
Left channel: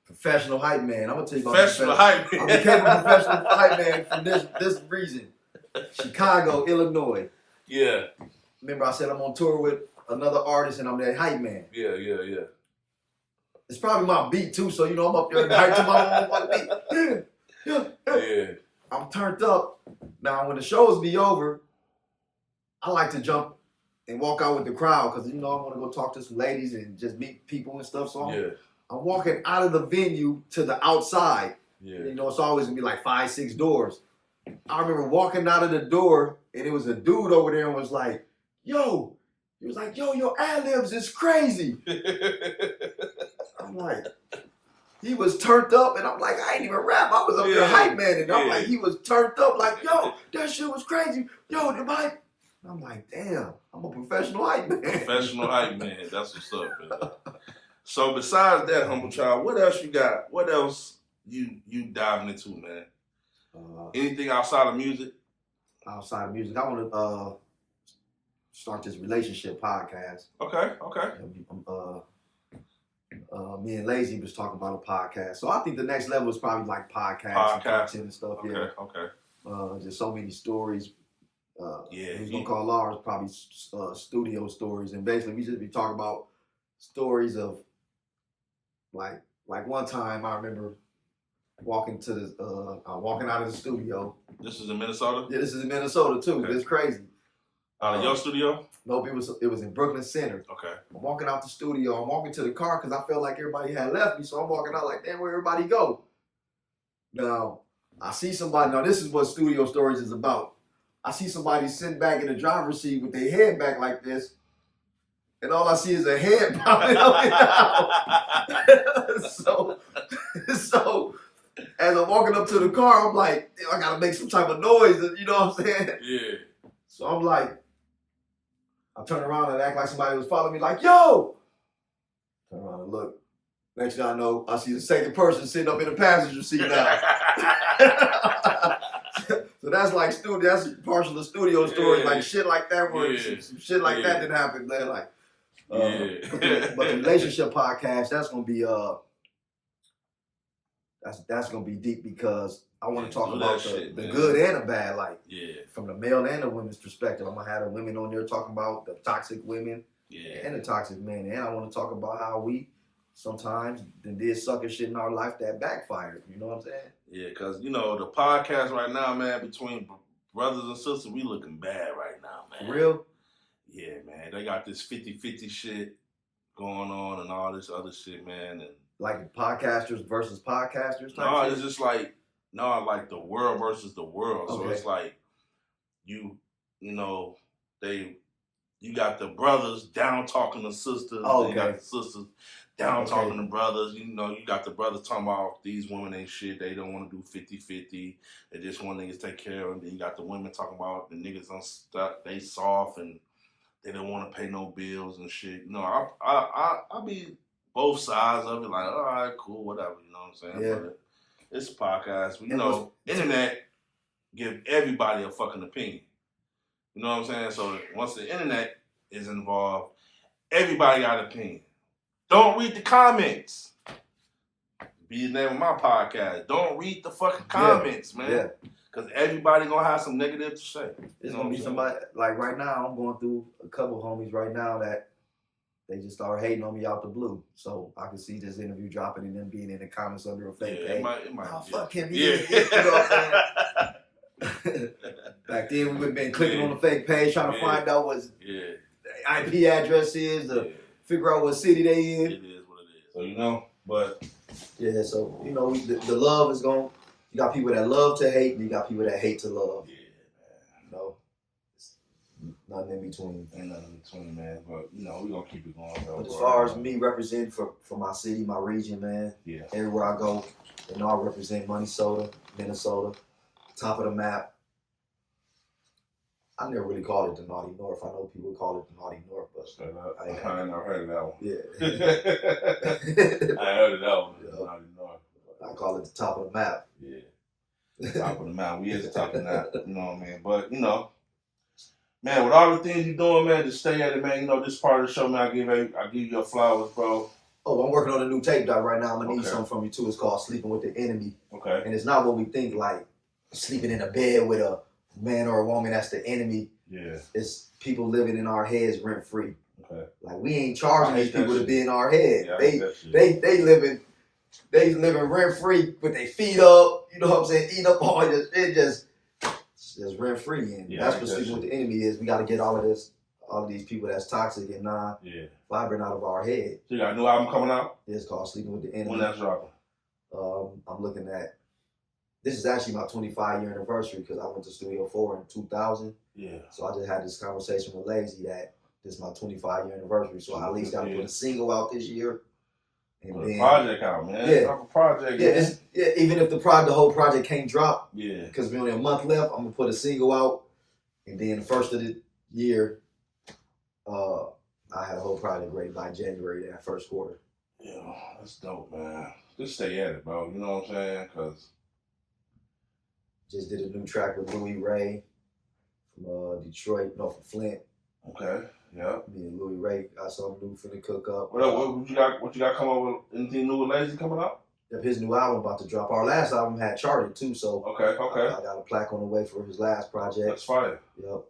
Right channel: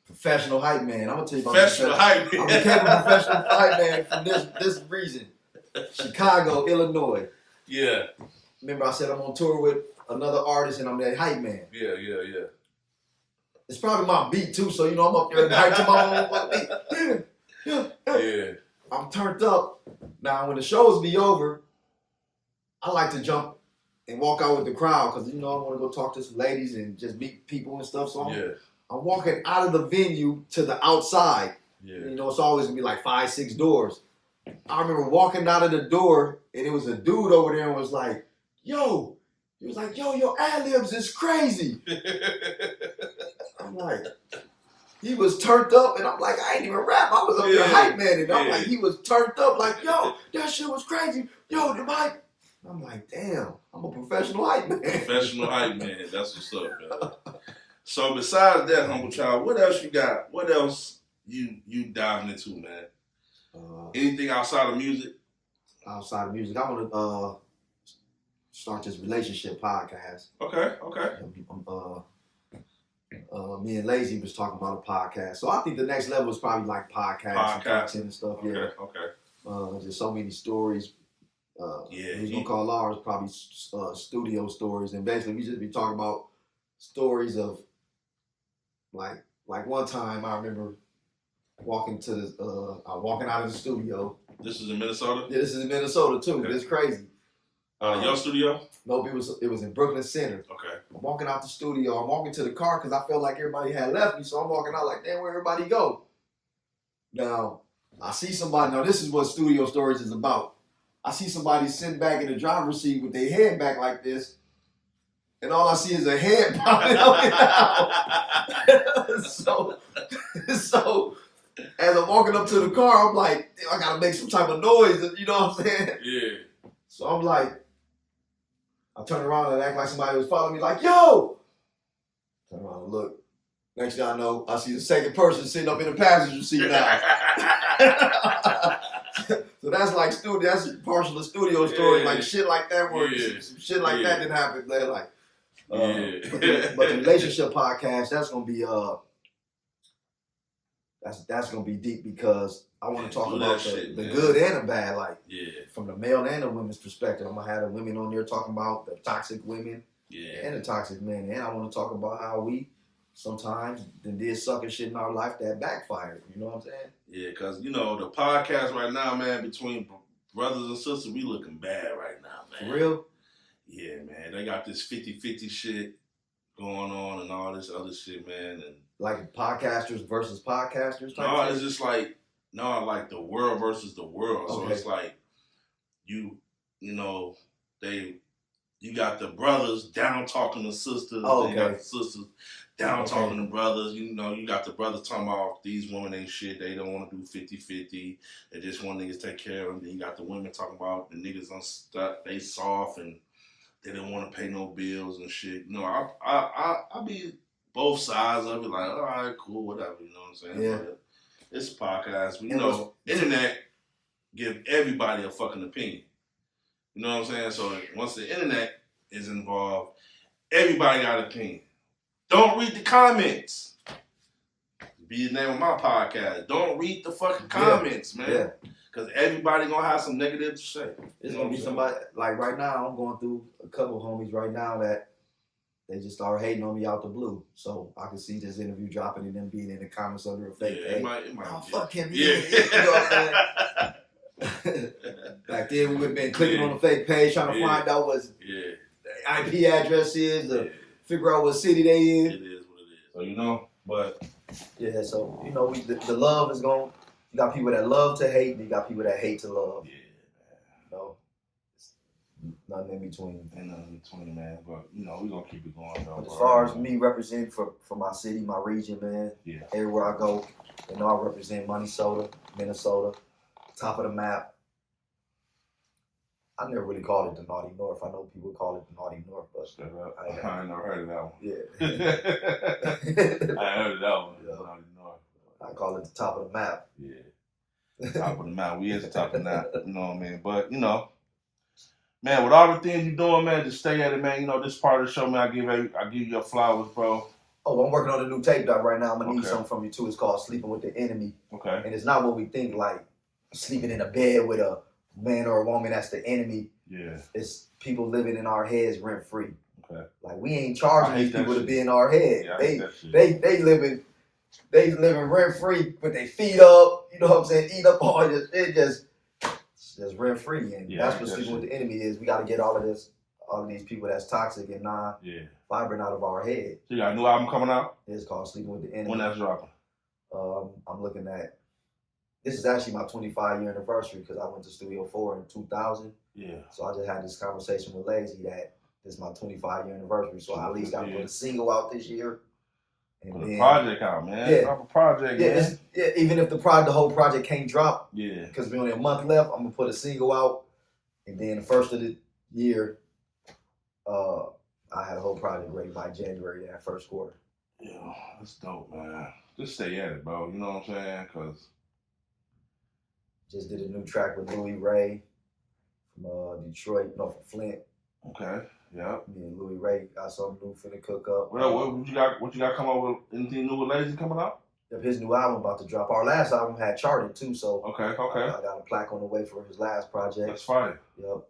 Professional hype man. I'm gonna tell you about professional hype man. I became a professional hype man from this reason. Chicago, Illinois. Yeah. Remember I said I'm on tour with another artist and I'm that hype man. Yeah. It's probably my beat too, so you know I'm up there and hype to my own beat. Yeah. I'm turned up. Now when the shows be over, I like to jump and walk out with the crowd because, you know, I want to go talk to some ladies and just meet people and stuff. So I'm walking out of the venue to the outside. Yeah. You know, it's always going to be like 5-6 doors. I remember walking out of the door and it was a dude over there and was like, yo, your ad-libs is crazy. I'm like, he was turned up and I'm like, I ain't even rap. I was up there hype man and I'm like, he was turned up like, yo, that shit was crazy. Yo, the mic. I'm like, damn, I'm a professional hype man. Professional hype man. That's what's up, man. So besides that, Humble Child, what else you got? What else you diving into, man? Anything outside of music? Outside of music, I want to start this relationship podcast. Okay. Me and Lazy was talking about a podcast. So I think the next level is probably like podcasts and content and stuff. Okay. Just so many stories. He's gonna call ours probably studio stories, and basically we just be talking about stories of like one time I remember walking out of the studio. This is in Minnesota? Yeah, this is in Minnesota too. Okay. It's crazy. Your studio? Nope, it was in Brooklyn Center. Okay. I'm walking out the studio. I'm walking to the car because I felt like everybody had left me, so I'm walking out like, damn, where everybody go? Now I see somebody. Now this is what studio stories is about. I see somebody sitting back in the driver's seat with their head back like this, and all I see is a head popping up and down. So as I'm walking up to the car, I'm like, I gotta make some type of noise, you know what I'm saying? Yeah. So I'm like, I turn around and act like somebody was following me, like, yo! Turn around and look. Next thing I know, I see the second person sitting up in the passenger seat now. So that's like that's partial of studio stories, like shit like that, where some shit like that didn't happen. They're like, but the relationship podcast, that's gonna be that's gonna be deep because I want to talk about the man. good and the bad, like Yeah. from the male and the women's perspective. I'm gonna have the women on there talking about the toxic women and the toxic men, and I want to talk about how we sometimes did sucker shit in our life that backfired. You know what I'm saying? Yeah, because you know the podcast right now, man, between brothers and sisters, we looking bad right now, man. For real? Yeah, man. They got this 50-50 shit going on and all this other shit, man. And like podcasters versus podcasters type no, shit? it's just like the world versus the world. Okay. So it's like you know, you got the brothers down talking to sisters. Oh, okay. You got the okay. sisters down talking to brothers. You know, you got the brothers talking about these women ain't shit. They don't want to do 50-50. They just want niggas to take care of them. Then you got the women talking about the niggas unstuck. They soft and they don't want to pay no bills and shit. You know, I be both sides of it. Like, all right, cool, whatever. You know what I'm saying? Yeah. But it's a podcast. But, you know, internet give everybody a fucking opinion. You know what I'm saying? So once the internet is involved, everybody got an opinion. Don't read the comments. Be the name of my podcast. Don't read the fucking comments, man. Yeah. Because everybody gonna have some negative to say. It's gonna be somebody, like right now, I'm going through a couple homies right now that they just start hating on me out the blue. So I can see this interview dropping and them being in the comments under a fake page. It might fuck him. Yeah. You know what I'm saying? Back then, we would have been clicking on the fake page trying to find out what the IP address is, to figure out what city they in. It is what it is. So, you know, but. Yeah, so, you know, the love is going, you got people that love to hate, and you got people that hate to love. Yeah, man. You know, nothing in between. Ain't nothing in between, man. But, you know, we're going to keep it going, bro. But as far as me representing for my city, my region, man, everywhere I go, you know, I represent Minnesota, top of the map. I never really called it the Naughty North. I know people call it the Naughty North, but I ain't never heard of that one. Yeah. I heard of that one. Yeah. Naughty North. I call it the top of the map. Yeah. Top of the map. We is the top of the map. You know what I mean? But, you know, man, with all the things you're doing, man, just stay at it, man. You know, this part of the show, man, I give you your flowers, bro. Oh, I'm working on a new tape doc right now. I'm gonna need something from you too. It's called Sleeping with the Enemy. Okay. And it's not what we think, like sleeping in a bed with a man or a woman that's the enemy. Yeah. It's people living in our heads rent free. Okay. Like we ain't charging these people to be in our head. Yeah, they living rent free with their feet up, you know what I'm saying, eat up all this. It's just rent free. And that's what sleeping with the enemy is. We gotta get all of these people that's toxic and vibrant out of our head. So you got a new album coming out? It's called Sleeping with the Enemy. When that's dropping? I'm looking at, this is actually my 25-year anniversary because I went to Studio 4 in 2000. Yeah. So I just had this conversation with Lazy that this is my 25-year anniversary. So I at least got to put a single out this year. And put then a project out, man. Yeah. Drop a project. Yeah, even if the whole project can't drop. Yeah. Because we're only a month left, I'm going to put a single out. And then the first of the year, I had a whole project ready by January, that first quarter. Yeah, that's dope, man. Just stay at it, bro. You know what I'm saying? Because just did a new track with Louis Ray from Detroit, from Flint. Okay, yeah. Me and Louis Ray got something new finna cook up. What you got coming up with? Anything new with Lazy coming out? His new album about to drop. Our last album had charted too, so okay. I got a plaque on the way for his last project. That's fire. Yep.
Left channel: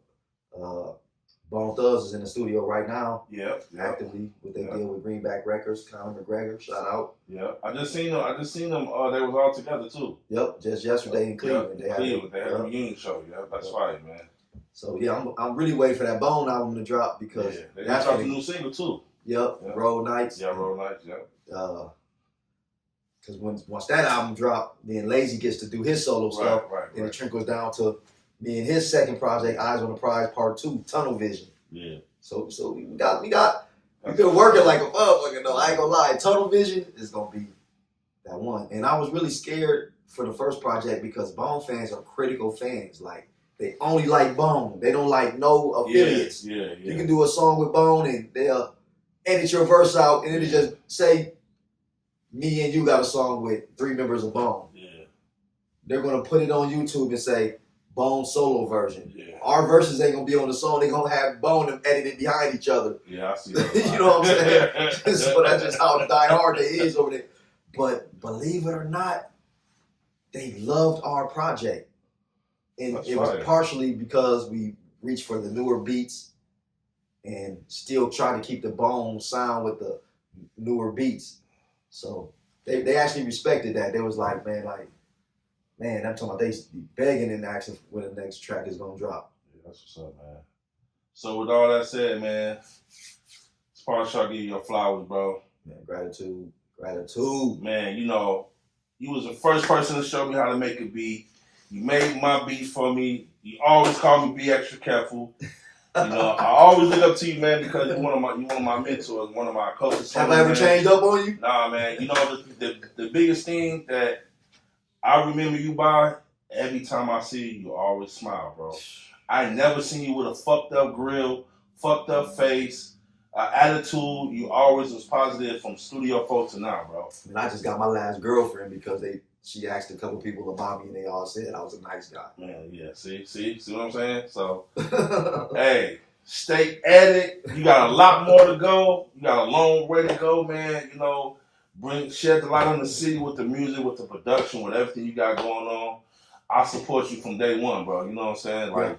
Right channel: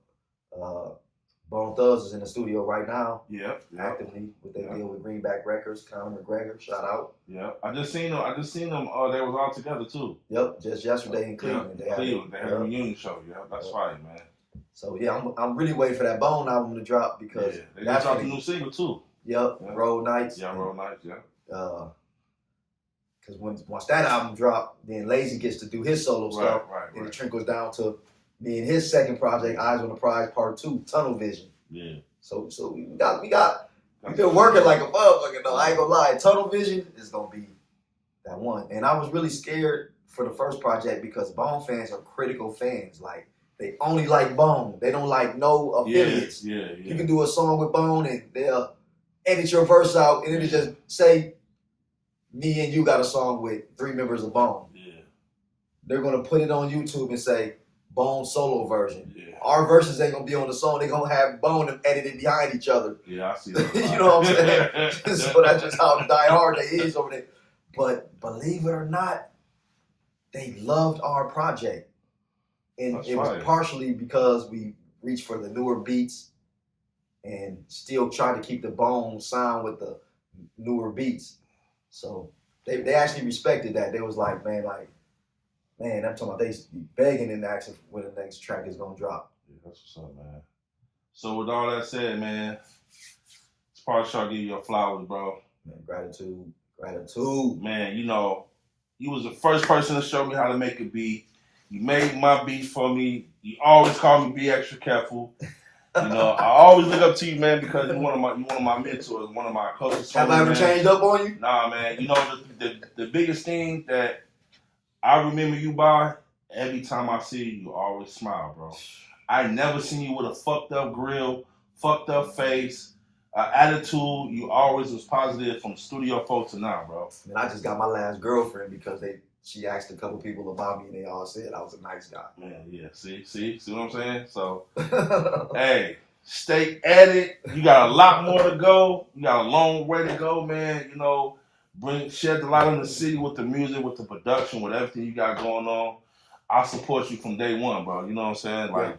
Bone Thugs is in the studio right now. Yep. Actively with their deal with Greenback Records. Conor McGregor, shout out. Yeah. I just seen them. They was all together too. Yep. Just yesterday in Cleveland. They had a reunion show. Yeah. That's fire, man. So yeah, I'm really waiting for that Bone album to drop because they dropped a new single too. Yep. Road Nights. Yeah, Road Nights. Yeah. Because once that album dropped, then Lazy gets to do his solo stuff, and it trickles down to me and his second project, Eyes on the Prize Part 2, Tunnel Vision. Yeah. So we've been working like a motherfucker though. I ain't gonna lie. Tunnel Vision is gonna be that one. And I was really scared for the first project because Bone fans are critical fans. Like they only like Bone. They don't like no affiliates. Yeah. You can do a song with Bone and they'll edit your verse out and it'll just say me and you got a song with 3 members of Bone. Yeah. They're gonna put it on YouTube and say Bone solo version. Yeah. Our verses ain't gonna be on the song. They're gonna have Bone and edited behind each other. Yeah, I see that. You know what I'm saying? So that's just how die hard they is over there. But believe it or not, they loved our project. And That's it was right. partially because we reached for the newer beats and still trying to keep the bone sound with the newer beats. So they actually respected that. They was like, man, I'm talking about they be begging and asking when the next track is gonna drop. Yeah, that's what's up, man. So with all that said, man, it's part of give you your flowers, bro. Man, gratitude. Man, you know, you was the first person to show me how to make a beat. You made my beat for me. You always call me be extra careful. You know, I always look up to you, man, because you're one of my mentors, one of my coaches. Have I ever changed up on you? Nah, man. You know, the biggest thing that I remember you by, every time I see you, you always smile, bro. I never seen you with a fucked up grill, fucked up face, attitude. You always was positive from studio folks to now, bro. And I just got my last girlfriend because she asked a couple people about me and they all said I was a nice guy. Man, yeah, see what I'm saying? So, hey, stay at it. You got a lot more to go. You got a long way to go, man. You know, shed the light on the city with the music, with the production, with everything you got going on. I support you from day one, bro. You know what I'm saying? Like,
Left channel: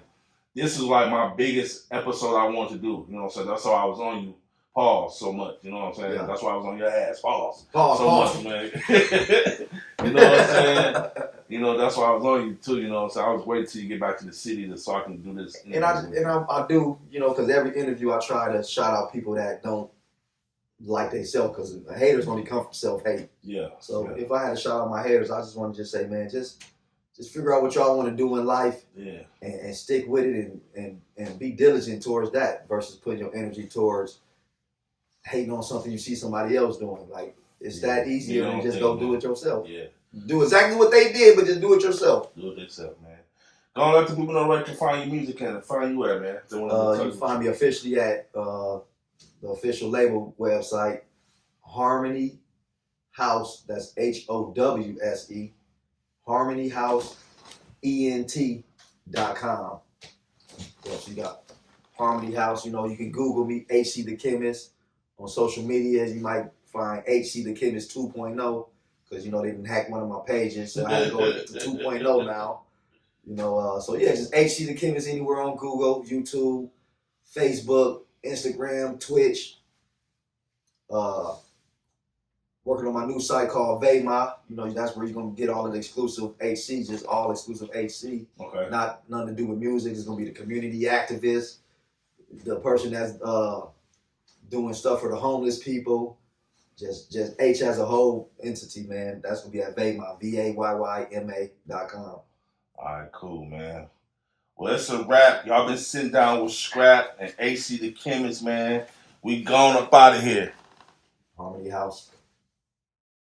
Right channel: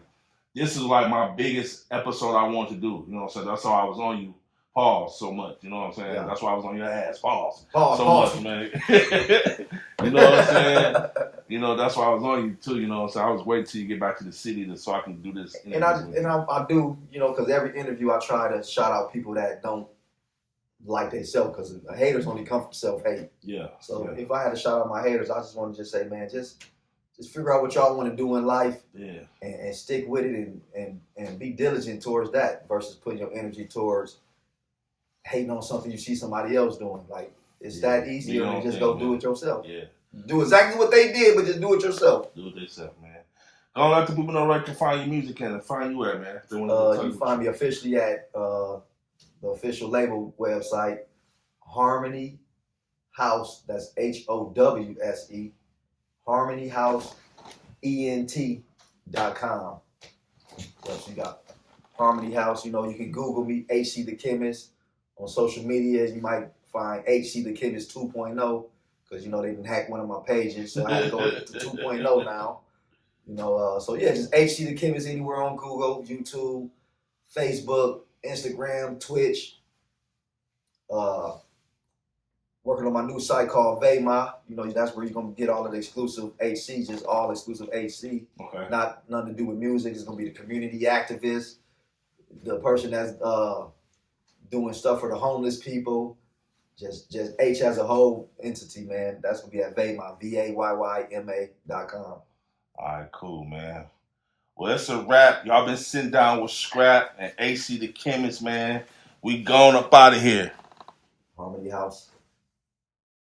this is like my biggest episode I want to do. You know what I'm saying? That's why I was on you. Pause so much. You know what I'm saying? Yeah. That's why I was on your ass. Pause. Pause. Much, man. You know what I'm saying? You know, that's why I was on you too. You know what I'm saying? I was waiting till you get back to the city so I can do this. And I do, you know, because every interview I try to shout out people that don't like themselves, because haters only come from self-hate. Yeah. So if I had to shout out my haters, I just want to just say, man, just figure out what y'all want to do in life. Yeah. And stick with it and be diligent towards that versus putting your energy towards hating on something you see somebody else doing. Like, it's that easier than just go do it yourself. Yeah. Do exactly what they did, but just do it yourself. Do it yourself, man. Don't let the people know where to find your music and find you at, man. You can find me officially at the official label website, Harmony House. That's HOWSE. HarmonyHouseENT.com. So you got Harmony House. You know, you can Google me, HC The Chemist. On social media, you might find HC The Chemist 2.0, because, you know, they didn't hack one of my pages, so I had to go to 2.0 now. You know, so yeah, just HC The Chemist anywhere on Google, YouTube, Facebook, Instagram, Twitch. Working on my new site called Vayma. You know, that's where you're gonna get all of the exclusive HC, just all exclusive HC. Okay. Nothing to do with music. It's gonna be the community activist, the person that's doing stuff for the homeless people. Just H as a whole entity, man. That's gonna be at Vayma, VAYYMA.com. All right, cool, man. Well, it's a wrap. Y'all been sitting down with Skrap and HC The Chemist, man. We going up out of here. Harmony House.